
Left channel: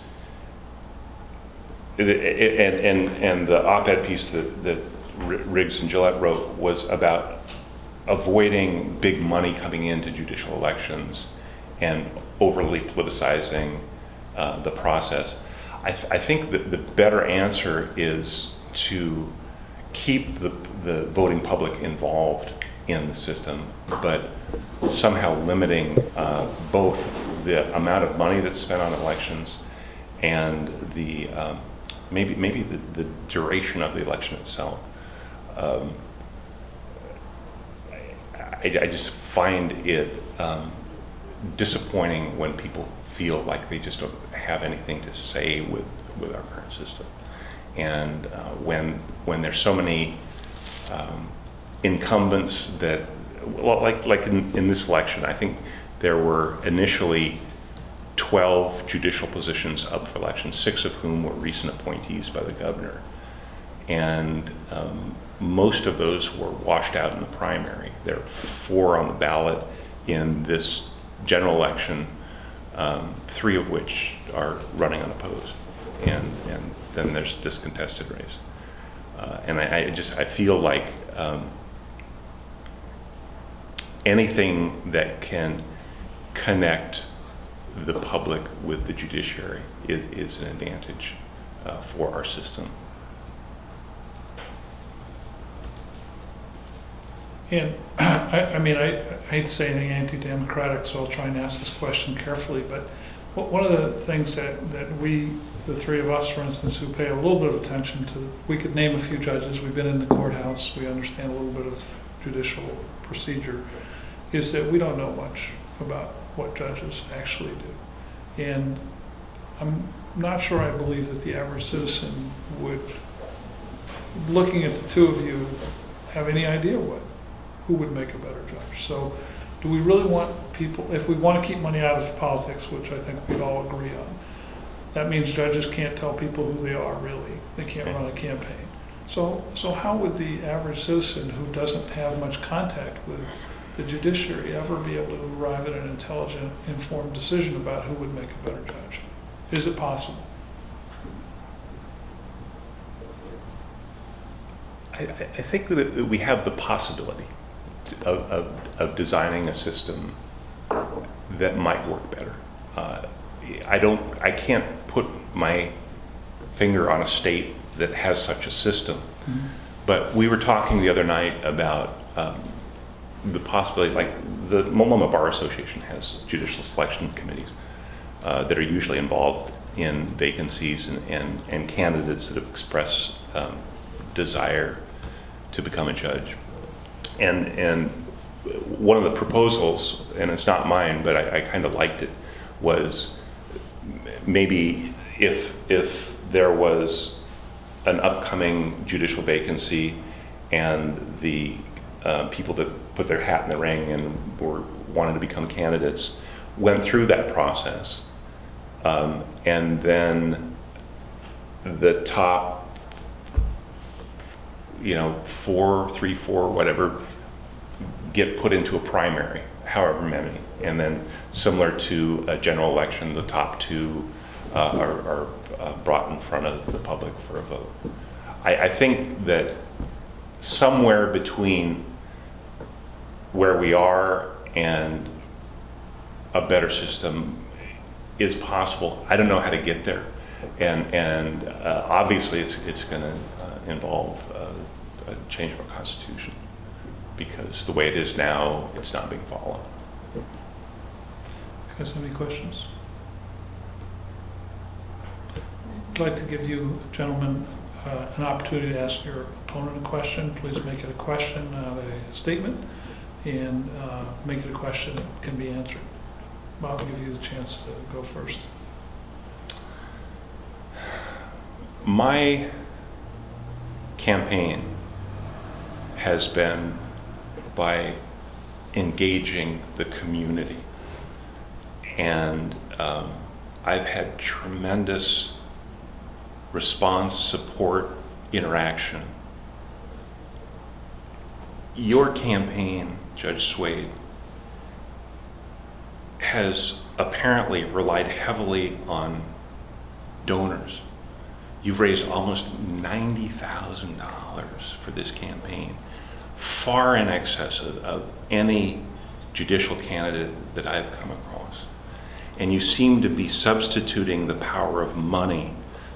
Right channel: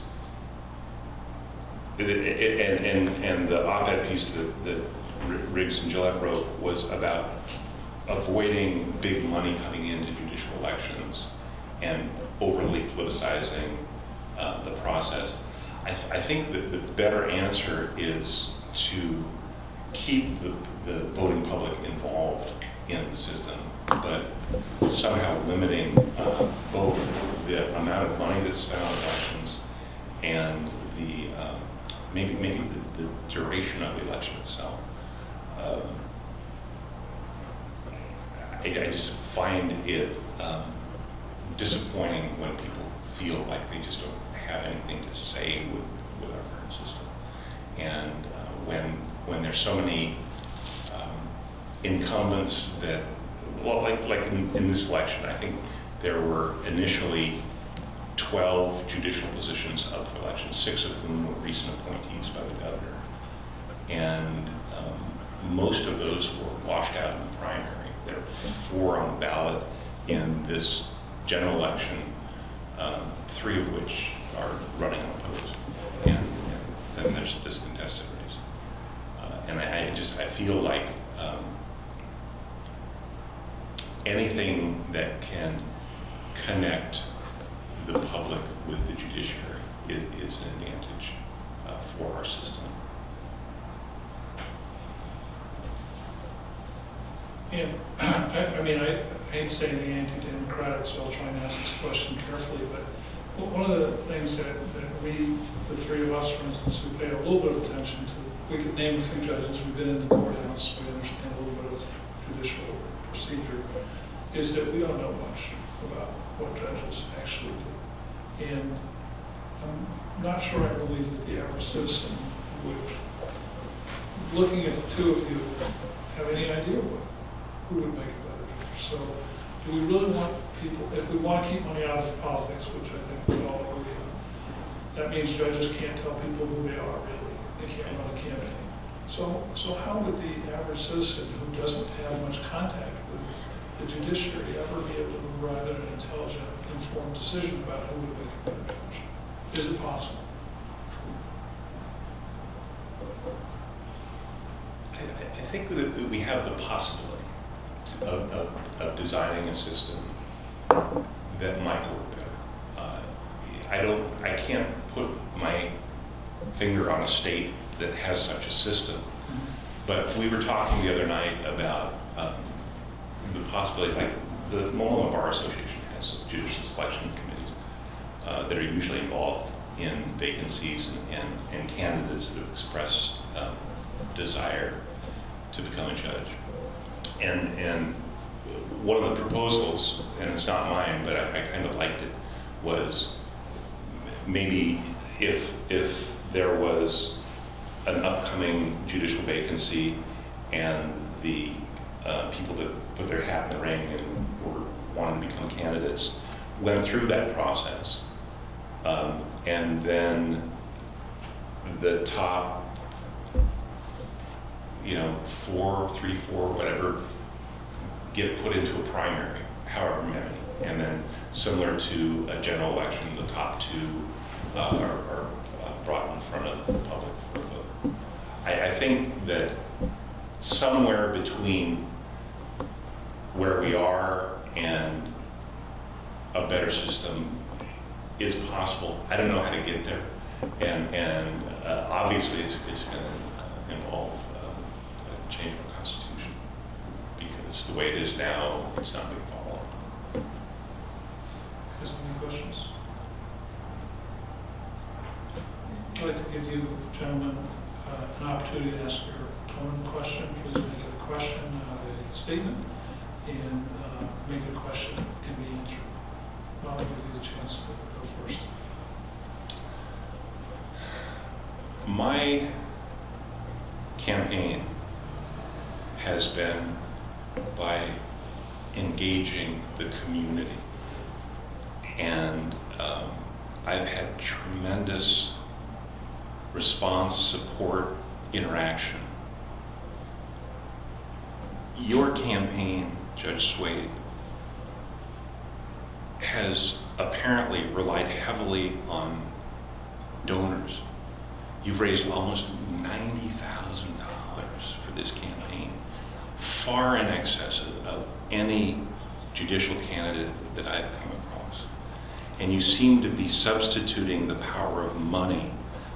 and the op-ed piece that Riggs and Gillette wrote was about avoiding big money coming into judicial elections and overly politicizing the process. I think that the better answer is to keep the voting public involved in the system, but somehow limiting both the amount of money that's spent on elections and the maybe the duration of the election itself. I just find it disappointing when people feel like they just don't have anything to say with our current system, and when there's so many incumbents that, well, like in this election, I think there were initially 12 judicial positions up for election, 6 of whom were recent appointees by the governor, and most of those were washed out in the primary. There are 4 on the ballot in this general election, 3 of which are running unopposed, and then there's this contested race. And I feel like anything that can connect the public with the judiciary is an advantage for our system. And I hate to say anything anti-democratic, so I'll try and ask this question carefully, but one of the things that we, the 3 of us, for instance, who pay a little bit of attention to, we could name a few judges, we've been in the courthouse, we understand a little bit of judicial procedure, is that we don't know much about what judges actually do. And I'm not sure I believe that the average citizen would, looking at the 2 of you, have any idea who would make a better judge. So do we really want people, if we want to keep money out of politics, which I think we all agree on, that means judges can't tell people who they are, really. They can't run a campaign. So how would the average citizen who doesn't have much contact with the judiciary ever be able to arrive at an intelligent, informed decision about who would make a better judge? Is it possible? I think that we have the possibility of designing a system that might work better. I can't put my finger on a state that has such a system. Mm-hmm. But we were talking the other night about the possibility, like the Multnomah Bar Association has judicial selection committees that are usually involved in vacancies and candidates that have expressed desire to become a judge. And one of the proposals, and it's not mine, but I kind of liked it, was maybe if there was an upcoming judicial vacancy and the people that put their hat in the ring and wanted to become candidates went through that process, and then the top, 3, 4, whatever, get put into a primary, however many, and then similar to a general election, the top 2 are brought in front of the public for a vote. I think that somewhere between where we are and a better system is possible. I don't know how to get there, and obviously it's going to involve a change of our constitution, because the way it is now, it's not being followed. You guys have any questions? I'd like to give you, gentlemen, an opportunity to ask your opponent a question. Please make it a question, not a statement, and make it a question that can be answered. Bob, I'll give you the chance to go first. My campaign has been by engaging the community, and I've had tremendous response, support, interaction. Your campaign, Judge Swade, has apparently relied heavily on donors. You've raised almost $90,000 for this campaign, far in excess of any judicial candidate that I've come across. And you seem to be substituting the power of money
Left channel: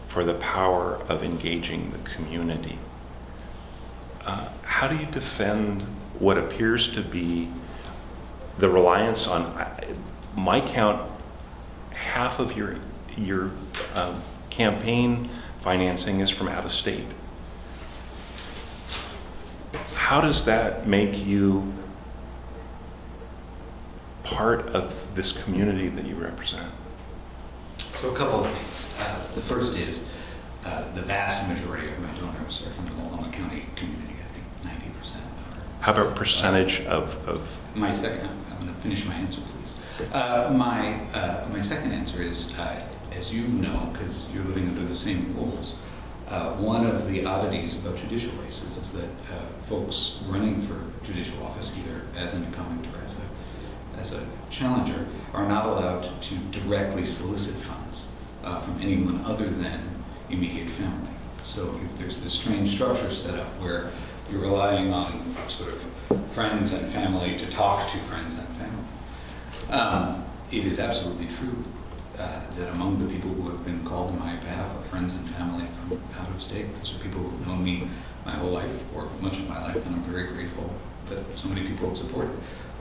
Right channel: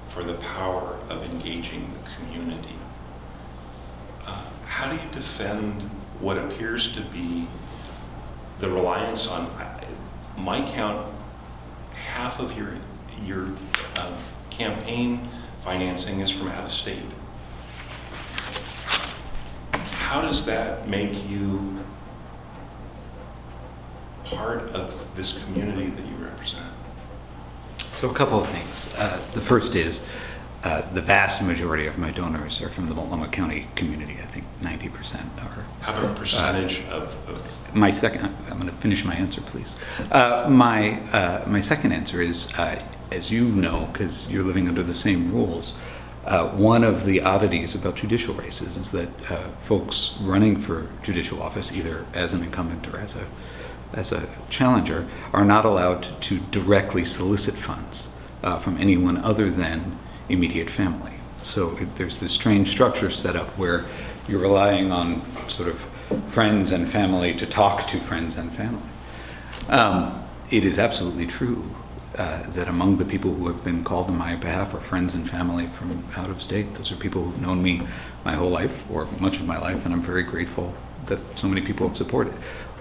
for the power of engaging the community. How do you defend what appears to be the reliance on, my count, half of your campaign financing is from out of state? How does that make you part of this community that you represent? So a couple of things. The first is the vast majority of my donors are from the Multnomah County community. I think 90% are. How about percentage of? My second, I'm going to finish my answer, please. My second answer is, as you know, because you're living under the same rules, one of the oddities about judicial races is that folks running for judicial office, either as an incumbent or as a challenger, are not allowed to directly solicit funds from anyone other than immediate family. So there's this strange structure set up where you're relying on sort of friends and family to talk to friends and family. It is absolutely true that among the people who have been called on my behalf are friends and family from out of state. Those are people who've known me my whole life, or much of my life, and I'm very grateful that so many people have supported.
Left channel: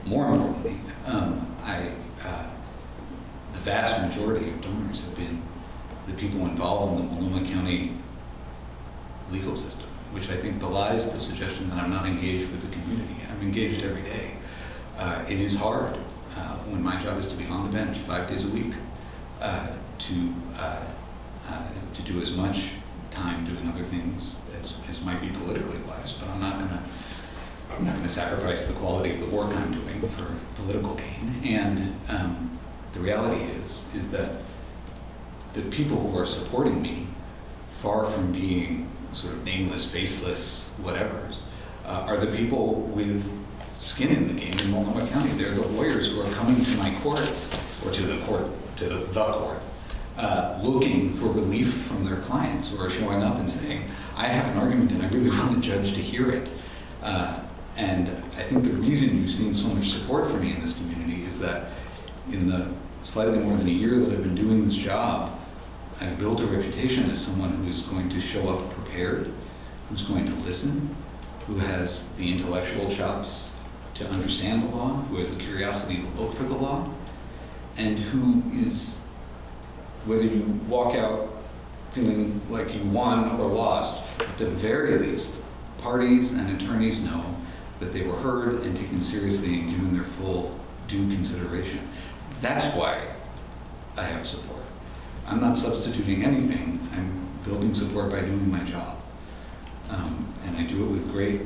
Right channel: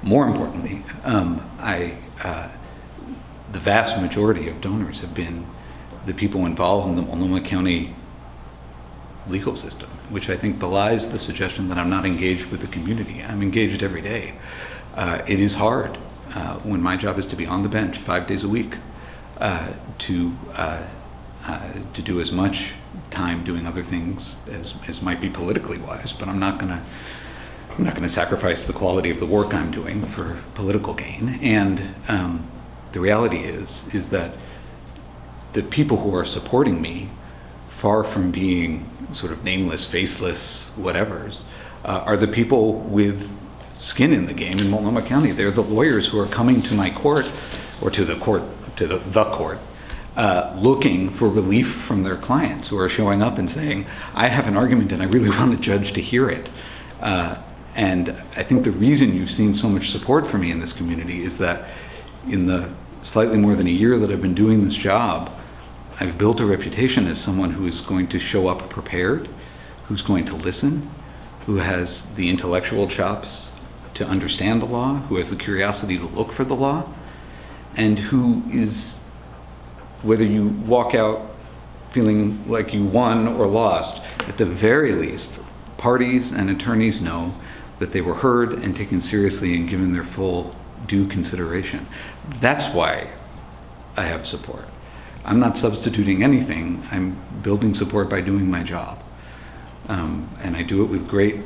More importantly, the vast majority of donors have been the people involved in the Multnomah County legal system, which I think belies the suggestion that I'm not engaged with the community. I'm engaged every day. It is hard when my job is to be on the bench 5 days a week to do as much time doing other things as might be politically wise, but I'm not going to sacrifice the quality of the work I'm doing for political gain. And the reality is that the people who are supporting me, far from being sort of nameless, faceless whatevers, are the people with skin in the game in Multnomah County. They're the lawyers who are coming to my court, or to the court, looking for relief from their clients, who are showing up and saying, I have an argument and I really want a judge to hear it. And I think the reason you've seen so much support for me in this community is that in the slightly more than a year that I've been doing this job, I've built a reputation as someone who is going to show up prepared, who's going to listen, who has the intellectual chops to understand the law, who has the curiosity to look for the law, and who is whether you walk out feeling like you won or lost, at the very least, parties and attorneys know that they were heard and taken seriously and given their full due consideration. That's why I have support. I'm not substituting anything. I'm building support by doing my job. And I do it with great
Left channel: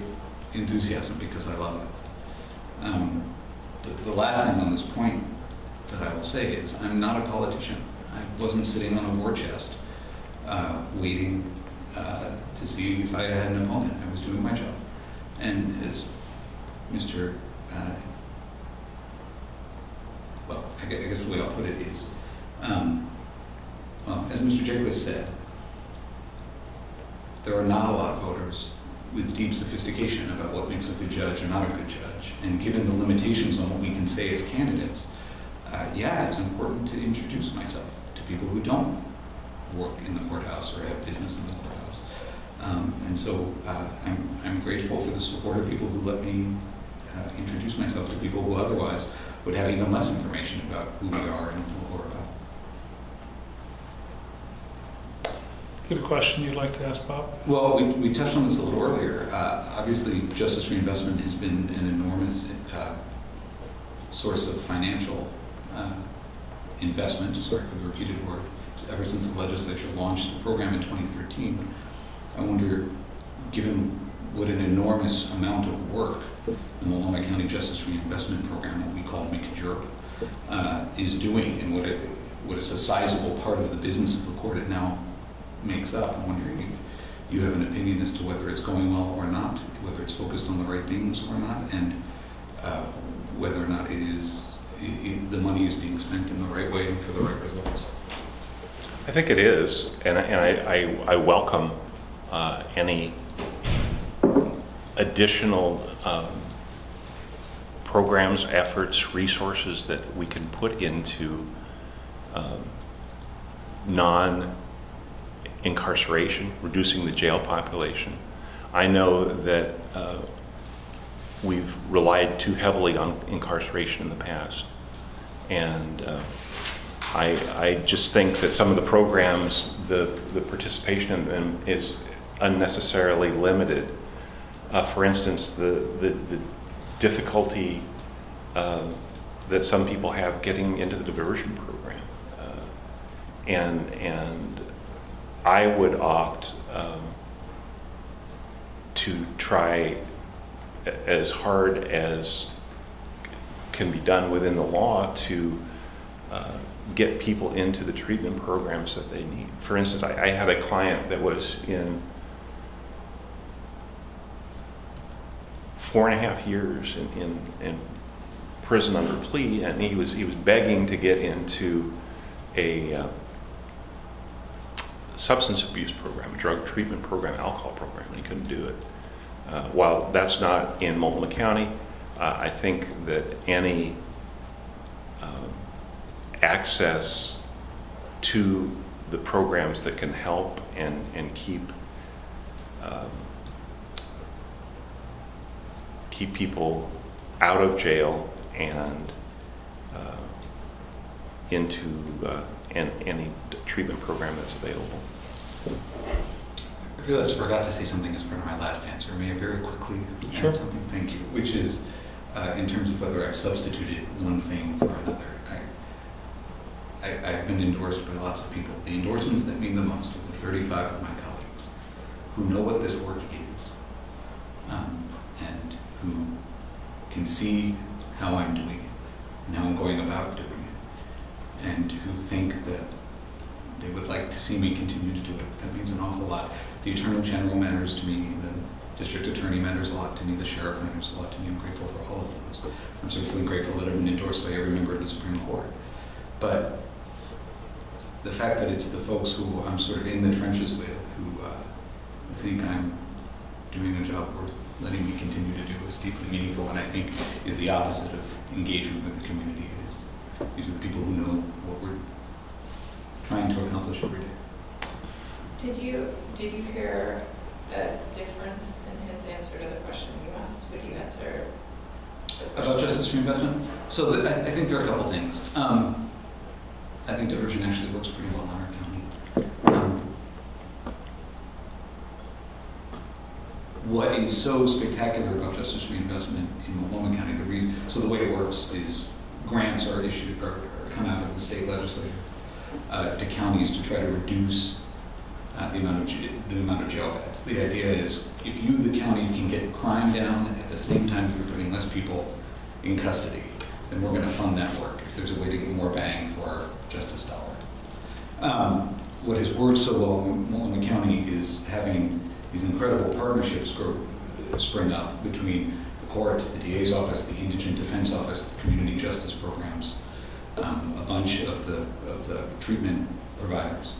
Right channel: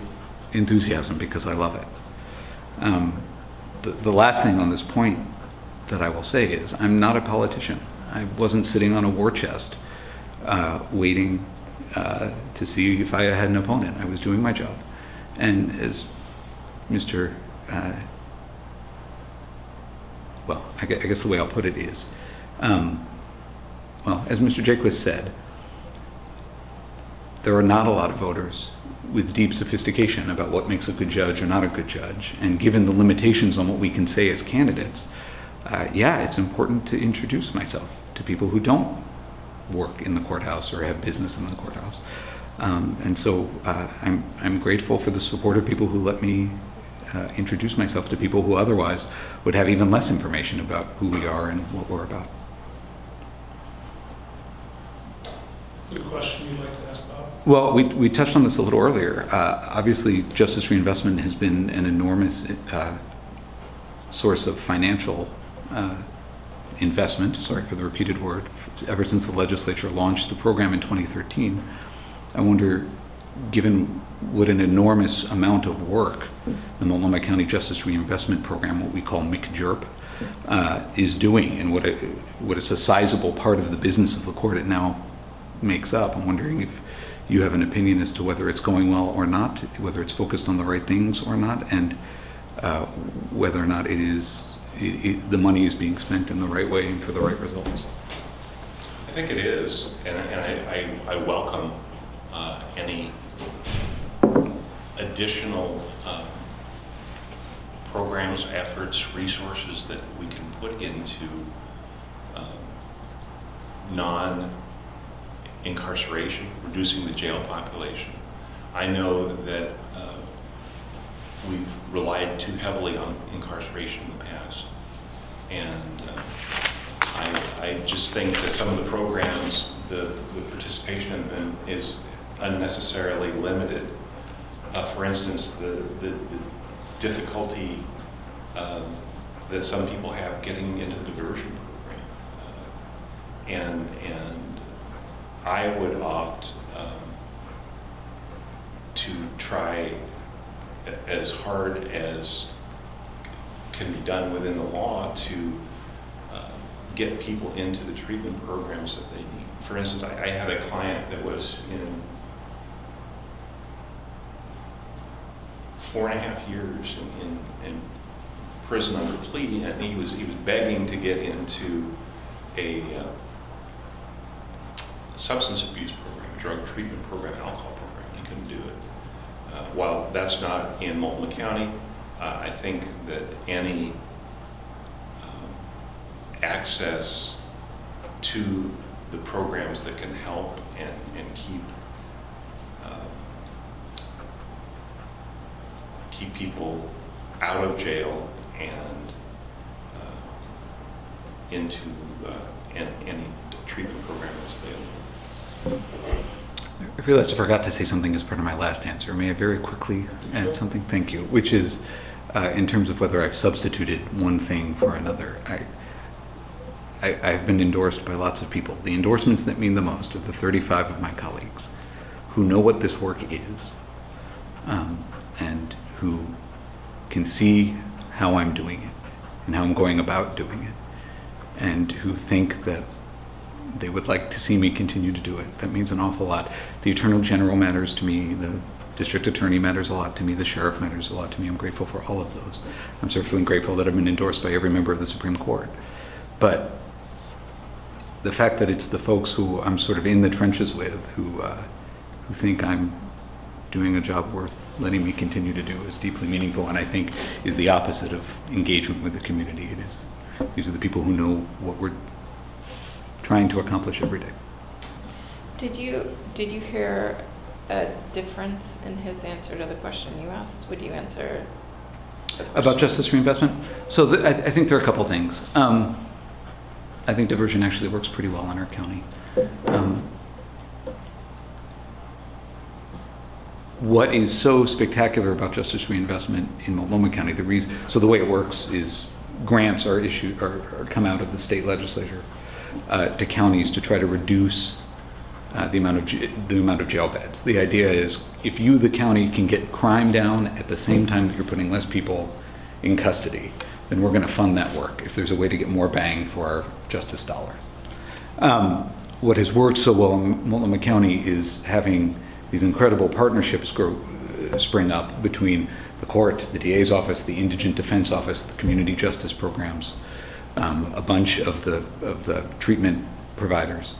enthusiasm because I love it. The last thing on this point that I will say is I'm not a politician. I wasn't sitting on a war chest waiting to see if I had an opponent. I was doing my job. And as Mr. Well, I guess the way I'll put it is, well, as Mr. Jaquist said, there are not a lot of voters with deep sophistication about what makes a good judge or not a good judge. And given the limitations on what we can say as candidates, yeah, it's important to introduce myself to people who don't work in the courthouse or have business in the courthouse. And so I'm grateful for the support of people who let me introduce myself to people who otherwise would have even less information about who we are and what we're about. You have a question you'd like to ask Bob? Well, we touched on this a little earlier. Obviously, justice reinvestment has been an enormous source of financial investment, sorry for the repeated word, ever since the legislature launched the program in 2013. I wonder, given what an enormous amount of work the Multnomah County Justice Reinvestment Program, what we call MCJRP, is doing, and what it's a sizable part of the business of the court it now makes up. I'm wondering if you have an opinion as to whether it's going well or not, whether it's focused on the right things or not, and whether or not the money is being spent in the right way and for the right results. I think it is, and I welcome any additional programs, efforts, resources that we can put into non-incarceration, reducing the jail population. I know that we've relied too heavily on incarceration in the past, and I just think that some of the programs, the participation in them is unnecessarily limited. For instance, the difficulty that some people have getting into the diversion program, and I would opt to try as hard as can be done within the law to get people into the treatment programs that they need. For instance, I had a client that was in 4.5 years in prison under plea, and he was begging to get into a substance abuse program, a drug treatment program, alcohol program, and he couldn't do it. While that's not in Multnomah County, I think that any access to the programs that can help and keep people out of jail and into any treatment program that's available. I realized I forgot to say something as part of my last answer. May I very quickly add something? Thank you. Which is, in terms of whether I've substituted one thing for another. I've been endorsed by lots of people. The endorsements that mean the most are the 35 of my colleagues who know what this work is, and who can see how I'm doing it and how I'm going about doing it, and who think that they would like to see me continue to do it. That means an awful lot. The Attorney General matters to me. The District Attorney matters a lot to me. The Sheriff matters a lot to me. I'm grateful for all of those. I'm certainly grateful that I've been endorsed by every member of the Supreme Court. But the fact that it's the folks who I'm sort of in the trenches with who think I'm doing a job worth letting me continue to do is deeply meaningful, and I think is the opposite of engagement with the community. These are the people who know what we're trying to accomplish every day. Did you hear a difference in his answer to the question you asked? Would you answer the question? About justice reinvestment? So I think there are a couple things. I think diversion actually works pretty well in our county. What is so spectacular about justice reinvestment in Multnomah County, the way it works is grants are issued or come out of the state legislature to counties to try to reduce the amount of jail beds. The idea is if you, the county, can get crime down at the same time that you're putting less people in custody, then we're going to fund that work if there's a way to get more bang for our justice dollar. What has worked so well in Multnomah County is having these incredible partnerships spring up between the court, the DA's office, the Indigent Defense Office, the community justice programs, a bunch of the treatment providers.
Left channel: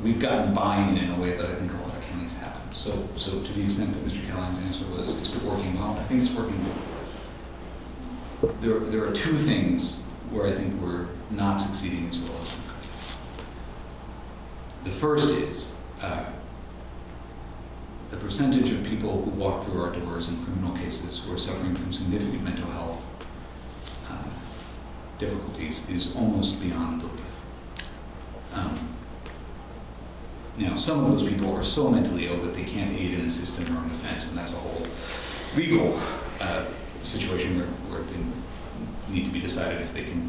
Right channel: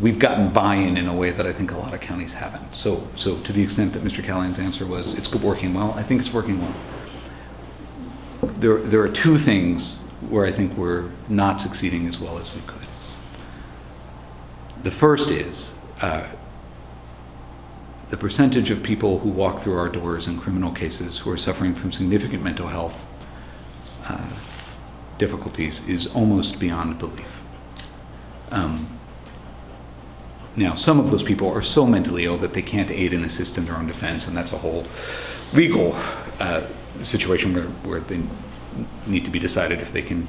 We've gotten buy-in in a way that I think a lot of counties haven't. So to the extent that Mr. Callahan's answer was it's working well, I think it's working well. There are two things where I think we're not succeeding as well as we could. The first is the percentage of people who walk through our doors in criminal cases who are suffering from significant mental health difficulties is almost beyond belief. Now, some of those people are so mentally ill that they can't aid and assist in their own defense, and that's a whole legal situation where they need to be decided if they can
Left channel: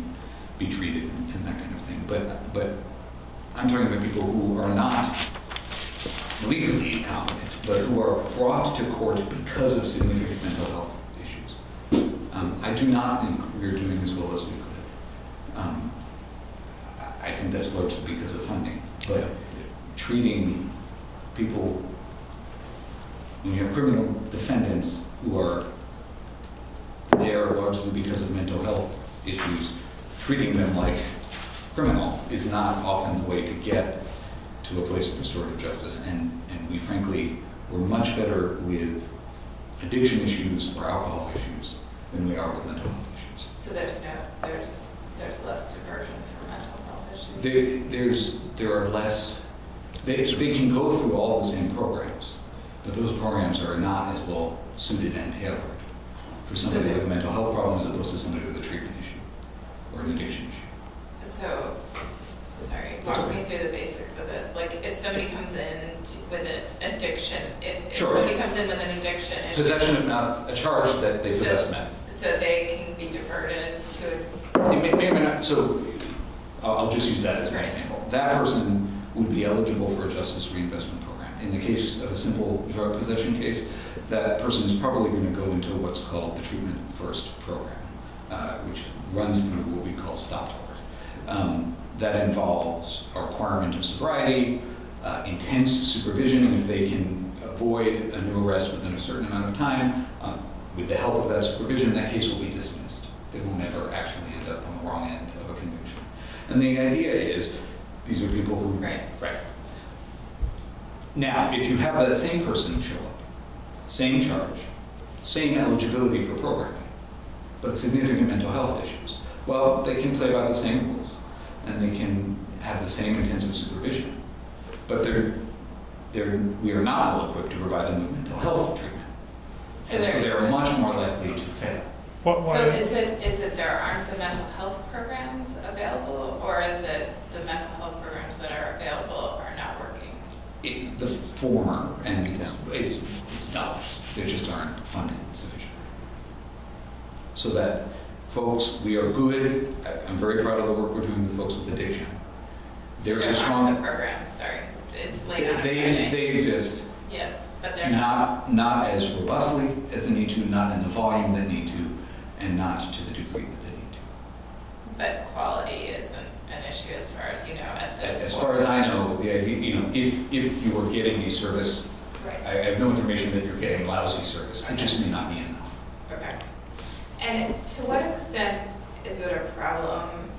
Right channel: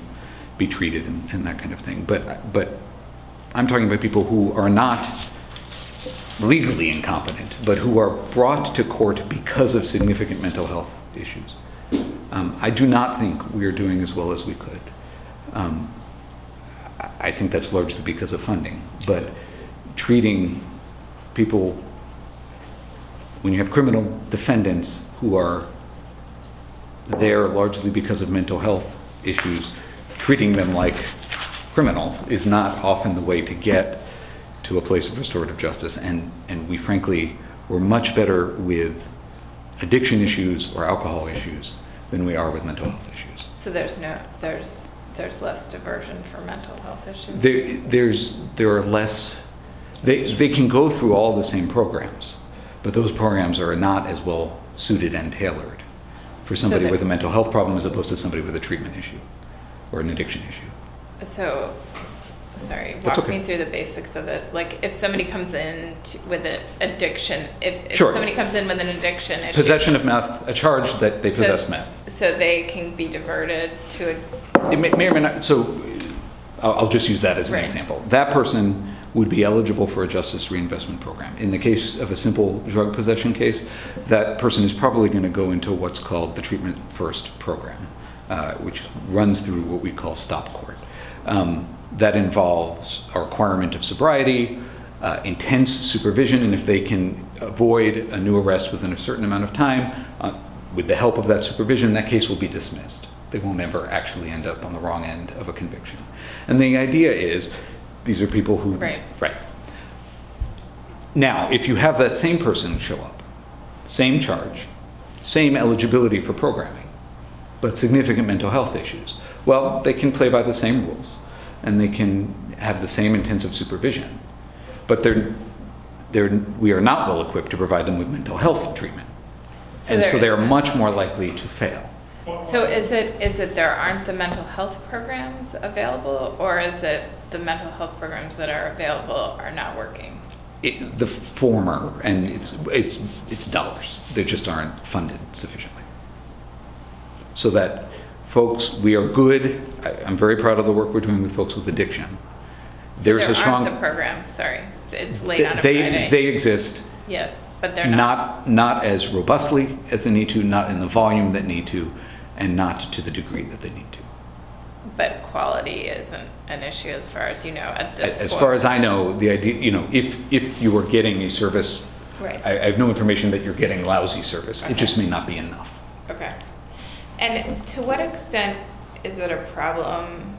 be treated and that kind of thing. But I'm talking about people who are not legally incompetent, but who are brought to court because of significant mental health issues. I do not think we are doing as well as we could. I think that's largely because of funding, but treating people, when you have criminal defendants who are there largely because of mental health issues, treating them like criminals is not often the way to get to a place of restorative justice. And we frankly were much better with addiction issues or alcohol issues than we are with mental health issues. So there's less diversion for mental health issues? There are less. They can go through all the same programs, but those programs are not as well suited and tailored for somebody with a mental health problem as opposed to somebody with a treatment issue or an addiction issue. So, sorry, walk me through the basics of it. Like, if somebody comes in with an addiction, if Sure. somebody comes in with an addiction issue, Possession of meth, a charge that they possess meth. So they can be diverted to a... It may or may not. So I'll just use that as an example. That person would be eligible for a justice reinvestment program. In the case of a simple drug possession case, that person is probably going to go into what's called the Treatment First program, which runs through what we call stop court. That involves a requirement of sobriety, intense supervision, and if they can avoid a new arrest within a certain amount of time, with the help of that supervision, that case will be dismissed. They will never actually end up on the wrong end of a conviction. And the idea is, these are people who... Right. Now, if you have that same person show up, same charge, same eligibility for programming, but significant mental health issues, well, they can play by the same rules, and they can have the same intensive supervision, but we are not well equipped to provide them with mental health treatment. So they are much more likely to fail. So is it there aren't the mental health programs available, or is it the mental health programs that are available are not working? The former, and it's dollars. They just aren't funded sufficiently. So that folks, we are good. I'm very proud of the work we're doing with folks with addiction. So There's there a strong. Aren't the programs. Sorry, it's late on a Friday. They exist. Yeah, but they're not as robustly as they need to, not in the volume that need to, and not to the degree that they need to. But quality isn't an issue as far as you know at this point. As far as I know, the idea, if you are getting a service, right. I have no information that you're getting lousy service. Okay. It just may not be enough. Okay. And to what extent is it a problem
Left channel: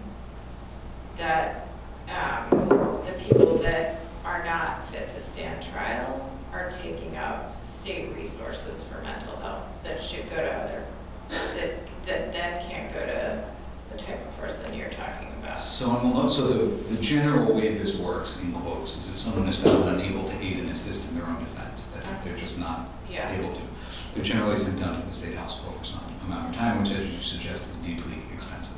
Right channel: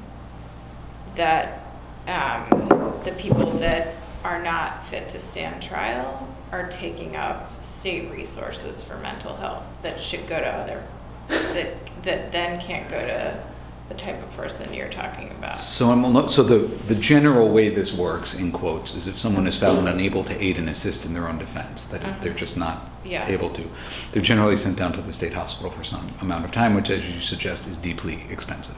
that the people that are not fit to stand trial are taking up state resources for mental health that should go to other, that then can't go to the type of person you're talking about? So the general way this works, in quotes, is if someone is found unable to aid and assist in their own defense, that they're just not able to, they're generally sent down to the state hospital for some amount of time, which, as you suggest, is deeply expensive.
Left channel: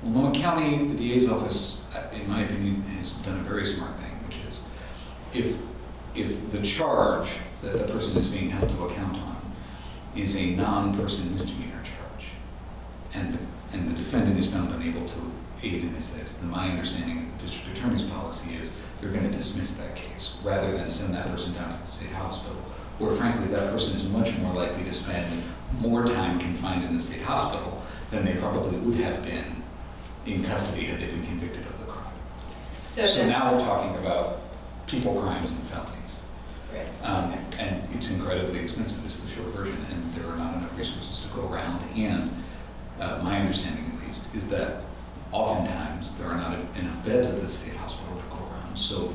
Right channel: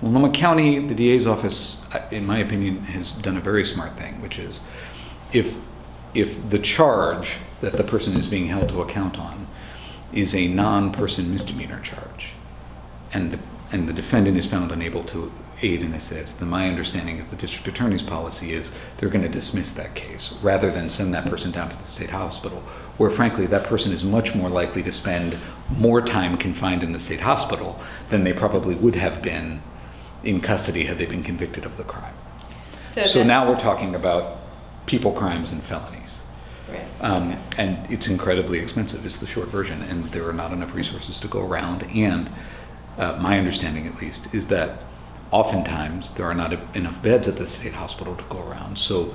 Multnomah County, the DA's office, in my opinion, has done a very smart thing, which is if the charge that the person is being held to account on is a non-person misdemeanor charge, and the defendant is found unable to aid and assist, then my understanding is the district attorney's policy is they're going to dismiss that case rather than send that person down to the state hospital, where frankly that person is much more likely to spend more time confined in the state hospital than they probably would have been in custody had they been convicted of the crime. So now we're talking about people crimes and felonies. Right. Okay. And it's incredibly expensive is the short version, and there are not enough resources to go around. And my understanding, at least, is that oftentimes there are not enough beds at the state hospital to go around. So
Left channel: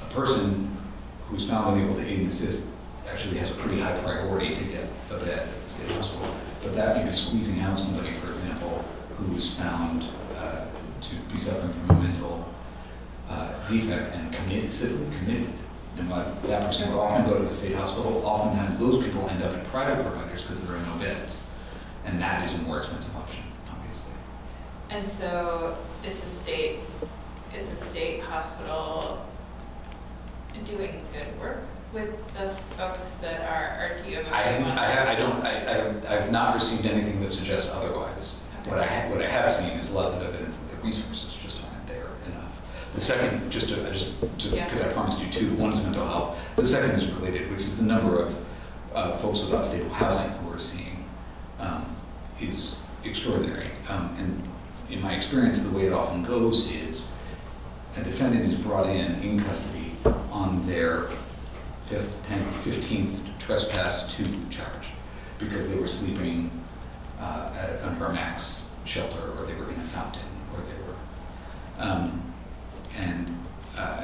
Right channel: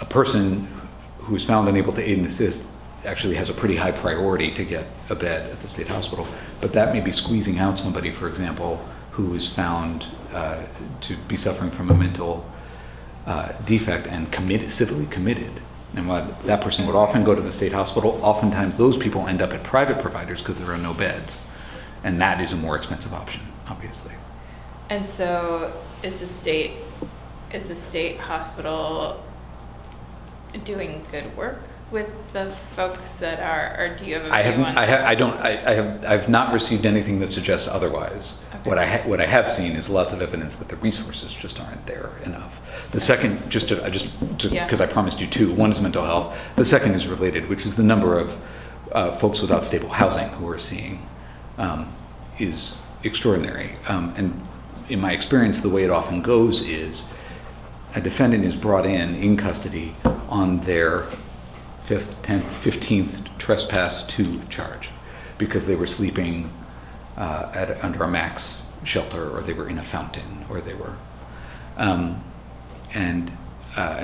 a person who is found unable to aid and assist actually has a pretty high priority to get a bed at the state hospital. But that may be squeezing out somebody, for example, who is found to be suffering from a mental defect and civilly committed. And while that person would often go to the state hospital, oftentimes those people end up at private providers because there are no beds. And that is a more expensive option, obviously. And so is the state hospital doing good work with the folks that are, or do you have I've not received anything that suggests otherwise. Okay. What I have seen is lots of evidence that the resources just aren't there enough. The second, because I promised you two, one is mental health. The second is related, which is the number of folks without stable housing who we're seeing is extraordinary. And in my experience, the way it often goes is a defendant is brought in custody on their 5th, 10th, 15th trespass 2 charge because they were sleeping under a max shelter, or they were in a fountain, or they were and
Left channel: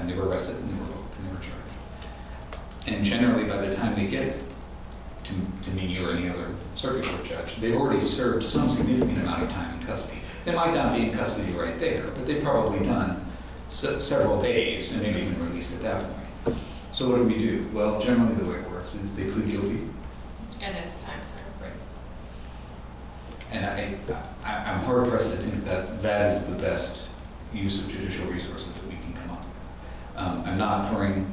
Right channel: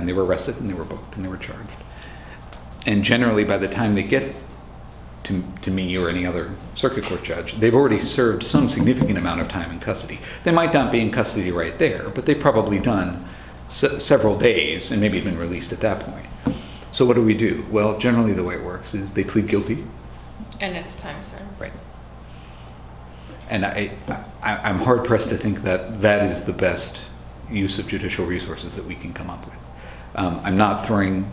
they were arrested and they were booked and they were charged. And generally, by the time they get to me or any other circuit court judge, they've already served some significant amount of time in custody. They might not be in custody right there, but they've probably done several days and maybe been released at that point. So what do we do? Well, generally the way it works is they plead guilty. And it's time served. Right. And I'm hard pressed to think that that is the best use of judicial resources that we can come up with. I'm not pointing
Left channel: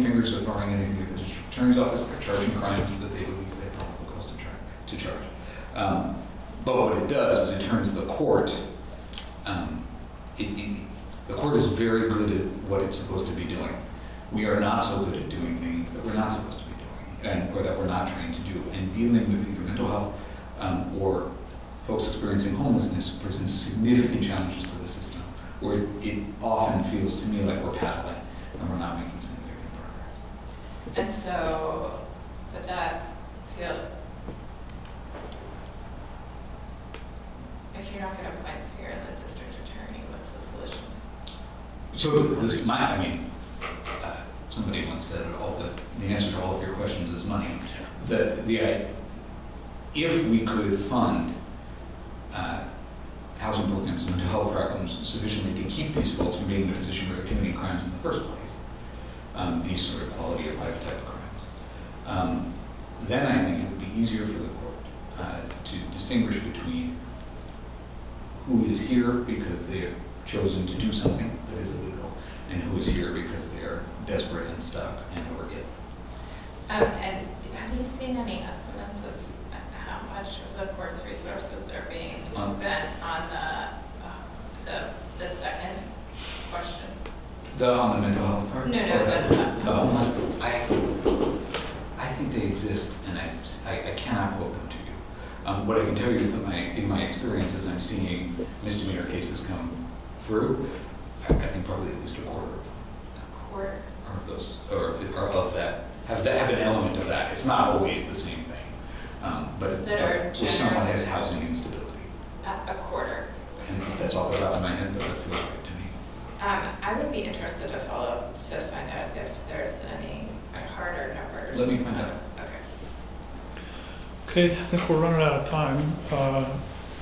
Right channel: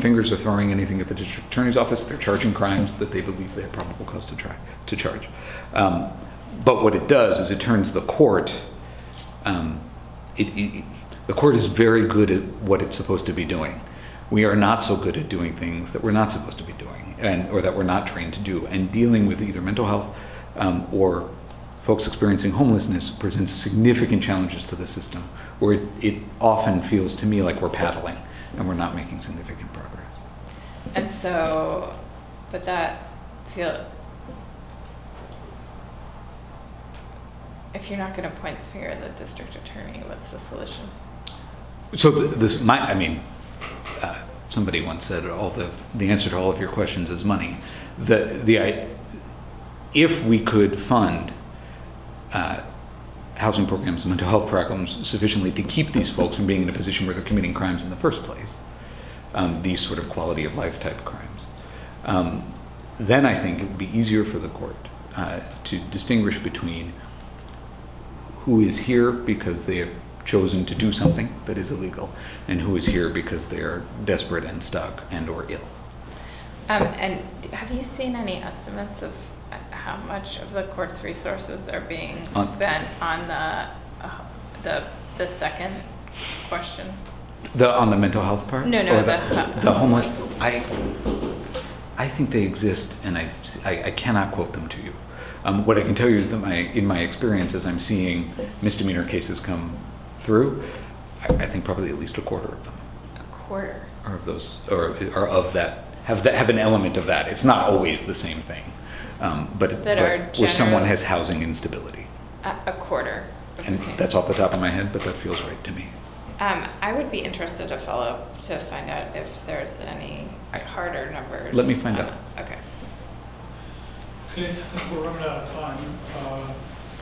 fingers or throwing anything at the district attorney's office. They're charging crimes that they believe they have probable cause to charge. But what it does is it turns the court. The court is very good at what it's supposed to be doing. We are not so good at doing things that we're not supposed to be doing, or that we're not trained to do. And dealing with either mental health or folks experiencing homelessness presents significant challenges to the system, where it often feels to me like we're paddling and we're not making significant progress. And so, but that if you're not going to point the finger at the district attorney, what's the solution? So somebody once said the answer to all of your questions is money. If we could fund housing programs and mental health programs sufficiently to keep these folks from being in a position where they're committing crimes in the first place, these sort of quality of life type crimes, then I think it would be easier for the court to distinguish between who is here because they have chosen to do something that is illegal and who is here because they are desperate and stuck and or ill. And have you seen any estimates of how much of the court's resources are being spent on the second question? On the mental health part? No, or the homeless. I think they exist, and I cannot quote them to you. What I can tell you is that in my experience, as I'm seeing misdemeanor cases come through, I think probably at least a quarter of them. A quarter? Or of those, or of that, have an element of that. It's not always the same thing. But where someone has housing instability. A quarter. And that's off the top of my head, but that feels right to me. I would be interested to follow up to find out if there's any harder numbers. Let me find out. Okay. Okay, I think we're running out of time.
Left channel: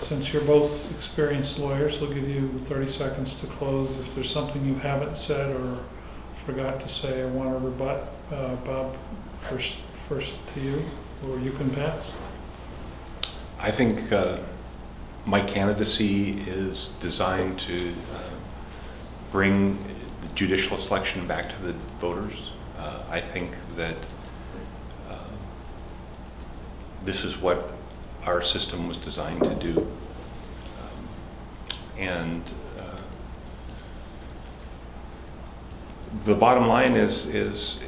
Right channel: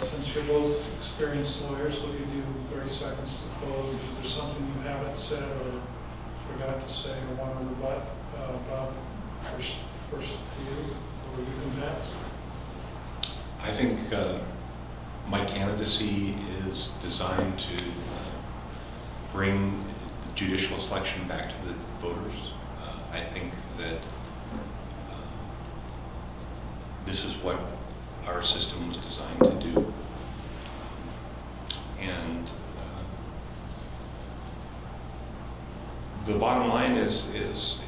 Since you're both experienced lawyers, I'll give you 30 seconds to close. If there's something you haven't said or forgot to say or want to rebut, Bob, first to you, or you can pass. I think my candidacy is designed to bring judicial selection back to the voters. I think that this is what our system was designed to do. And the bottom line is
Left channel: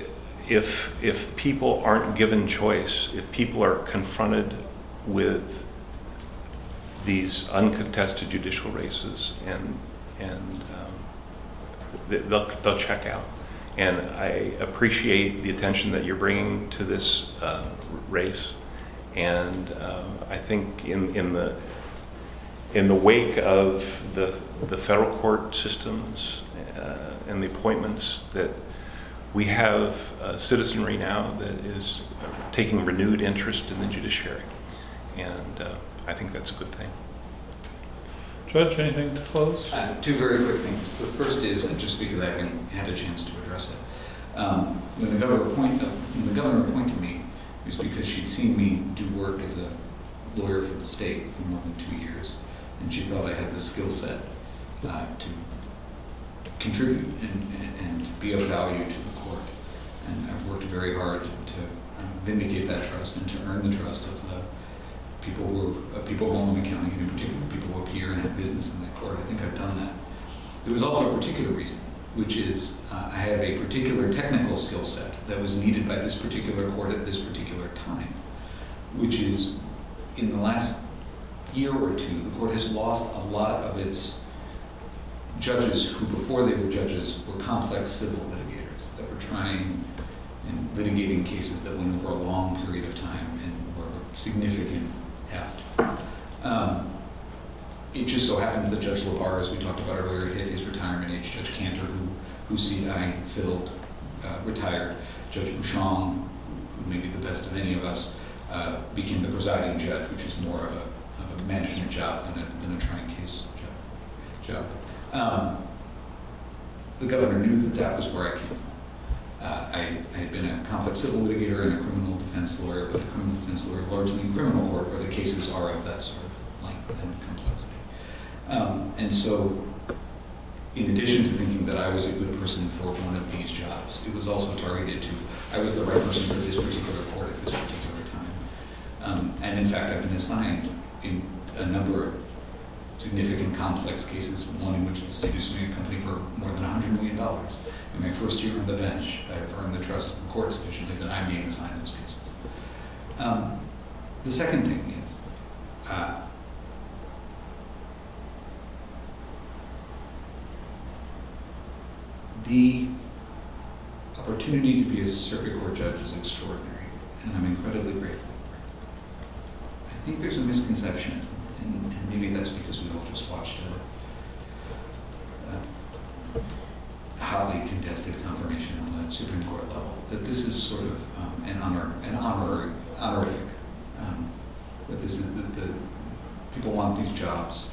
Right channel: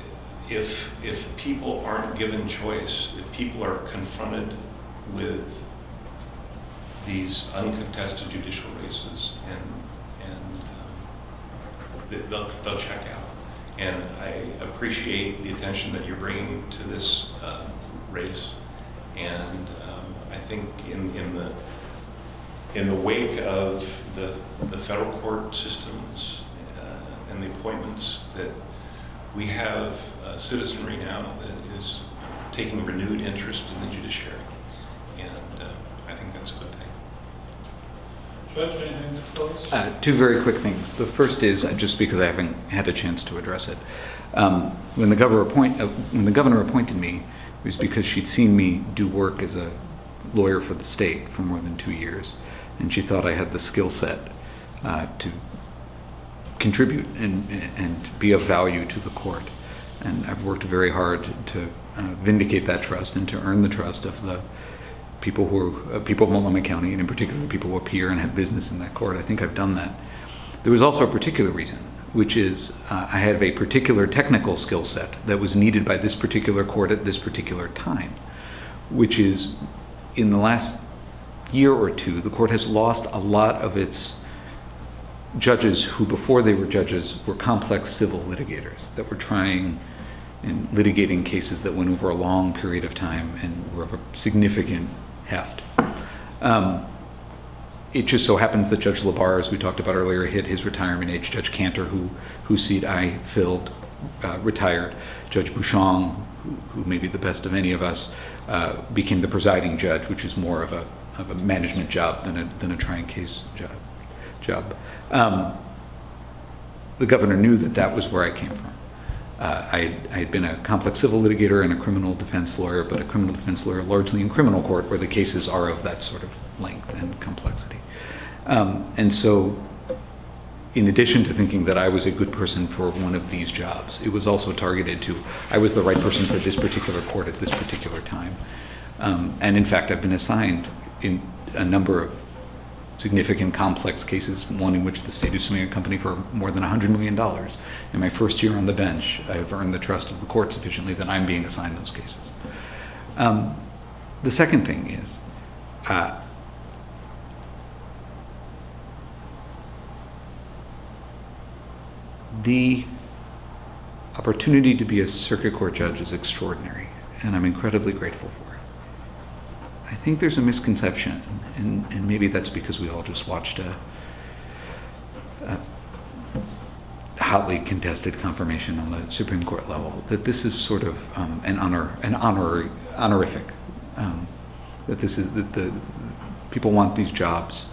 if people aren't given choice, if people are confronted with these uncontested judicial races, and they'll check out. And I appreciate the attention that you're bringing to this race. And I think in the wake of the federal court systems and the appointments, that we have citizenry now that is taking renewed interest in the judiciary. And I think that's a good thing. Judge, anything to close? Two very quick things. The first is, just because I haven't had a chance to address it, when the governor appointed me, it was because she'd seen me do work as a lawyer for the state for more than 2 years, and she thought I had the skill set to contribute and be of value to the court. And I've worked very hard to vindicate that trust and to earn the trust of the people people of Multnomah County, and in particular people who appear and have business in that court. I think I've done that. There was also a particular reason, which is I have a particular technical skill set that was needed by this particular court at this particular time, which is, in the last year or two, the court has lost a lot of its judges who, before they were judges, were complex civil litigators that were trying and litigating cases that went over a long period of time and were of a significant heft. It just so happens that Judge LaBarre, as we talked about earlier, hit his retirement age. Judge Cantor, whose seat I filled, retired. Judge Bouchon, who may be the best of any of us, became the presiding judge, which is more of a management job than a trying case job. The governor knew that was where I came from. I had been a complex civil litigator and a criminal defense lawyer, but a criminal defense lawyer largely in criminal court, where the cases are of that sort of length and complexity. And so, in addition to thinking that I was a good person for one of these jobs, it was also targeted to, I was the right person for this particular court at this particular time. And in fact, I've been assigned in a number of significant complex cases, one in which the state is suing a company for more than $100 million. In my first year on the bench, I have earned the trust of the court sufficiently that I'm being assigned those cases. The second thing is, the opportunity to be a circuit court judge is extraordinary, and I'm incredibly grateful for it. I think there's a misconception, and maybe that's because we all just watched a hotly contested confirmation on the Supreme Court level, that this is sort of an honorific. That the people want these jobs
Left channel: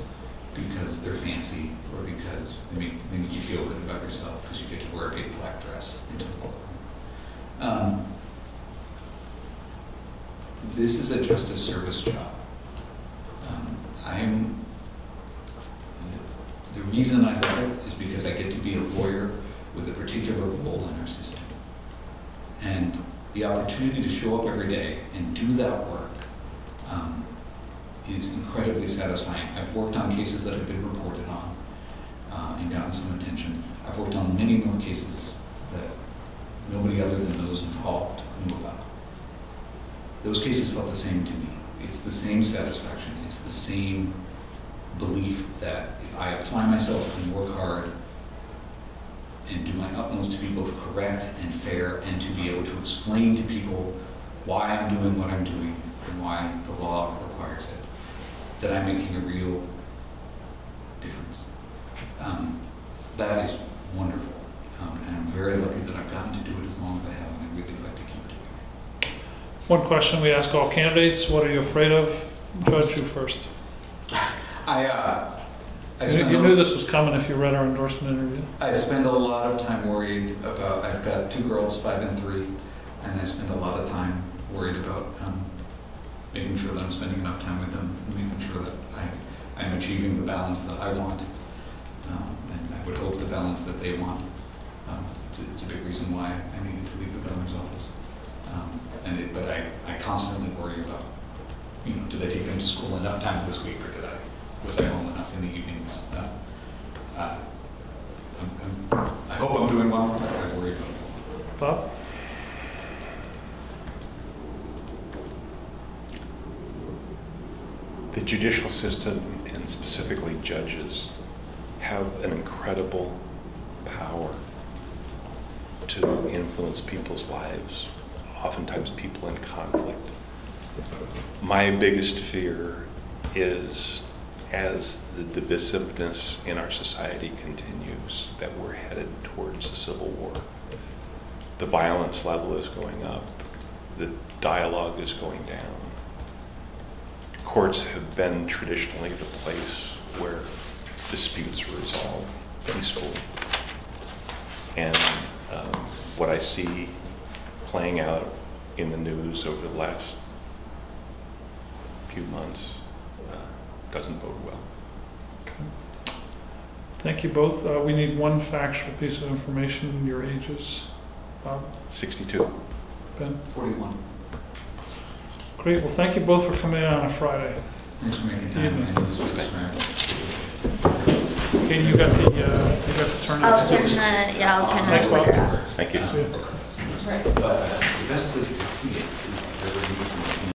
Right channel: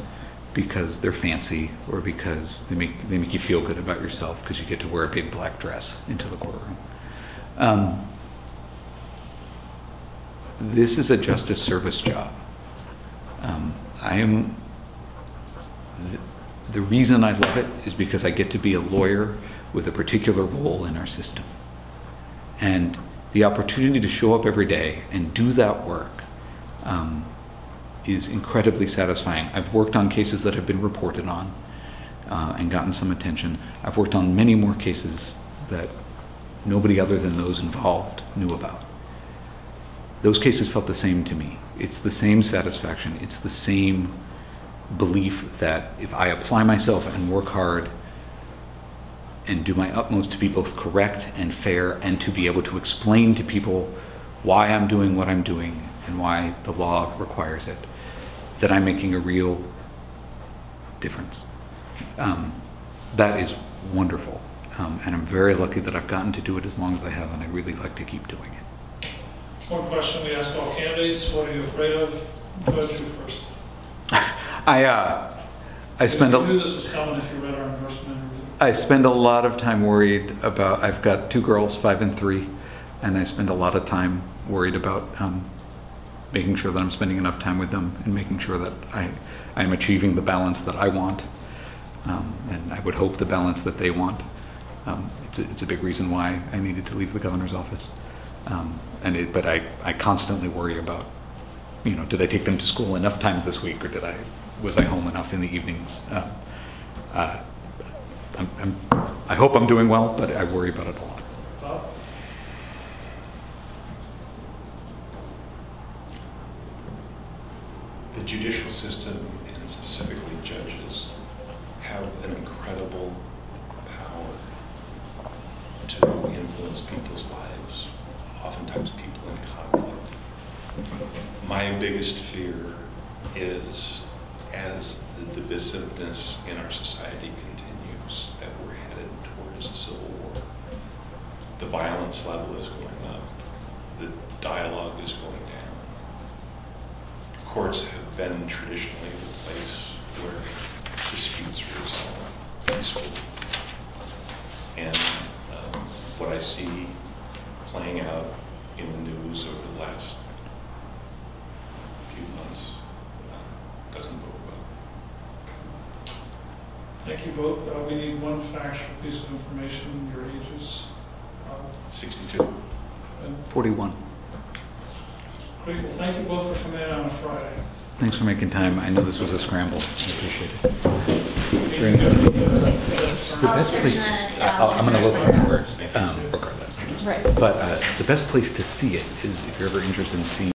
because they're fancy, or because they make you feel good about yourself because you get to wear a big black dress into the courtroom. This is a justice service job. The reason I love it is because I get to be a lawyer with a particular role in our system. And the opportunity to show up every day and do that work is incredibly satisfying. I've worked on cases that have been reported on and gotten some attention. I've worked on many more cases that nobody other than those involved knew about. Those cases felt the same to me. It's the same satisfaction. It's the same belief that if I apply myself and work hard and do my utmost to be both correct and fair, and to be able to explain to people why I'm doing what I'm doing and why the law requires it, that I'm making a real difference. That is wonderful. And I'm very lucky that I've gotten to do it as long as I have, and I really like to keep doing it. One question we ask all candidates: what are you afraid of? Judge, you first. You knew this was coming if you read our endorsement interview. I spend a lot of time worried about, I've got 2 girls, 5 and 3, and I spend a lot of time worried about making sure that I'm spending enough time with them, and making sure that I am achieving the balance that I want, and I would hope the balance that they want. It's a big reason why I needed to leave the governor's office. But I constantly worry about, did I take them to school enough times this week, or was I home enough in the evenings? I hope I'm doing well, but I worry about it a lot. Bob? The judicial system, and specifically judges, have an incredible power to influence people's lives, oftentimes people in conflict. My biggest fear is, as the divisiveness in our society continues, that we're headed towards a civil war. The violence level is going up. The dialogue is going down. Courts have been traditionally the place where disputes are resolved peacefully. And what I see playing out in the news over the last few months doesn't bode well. Thank you both. We need one factual piece of information, your ages. Bob? 62. Ben? 41. Great. Well, thank you both for coming in on a Friday. Thanks for making time. I know this was a scramble. I appreciate it. Okay, you got the turn. I'll turn the, I'll turn the recorder off. Thank you. Yeah. Right. But the best place to see it is if you're ever interested in seeing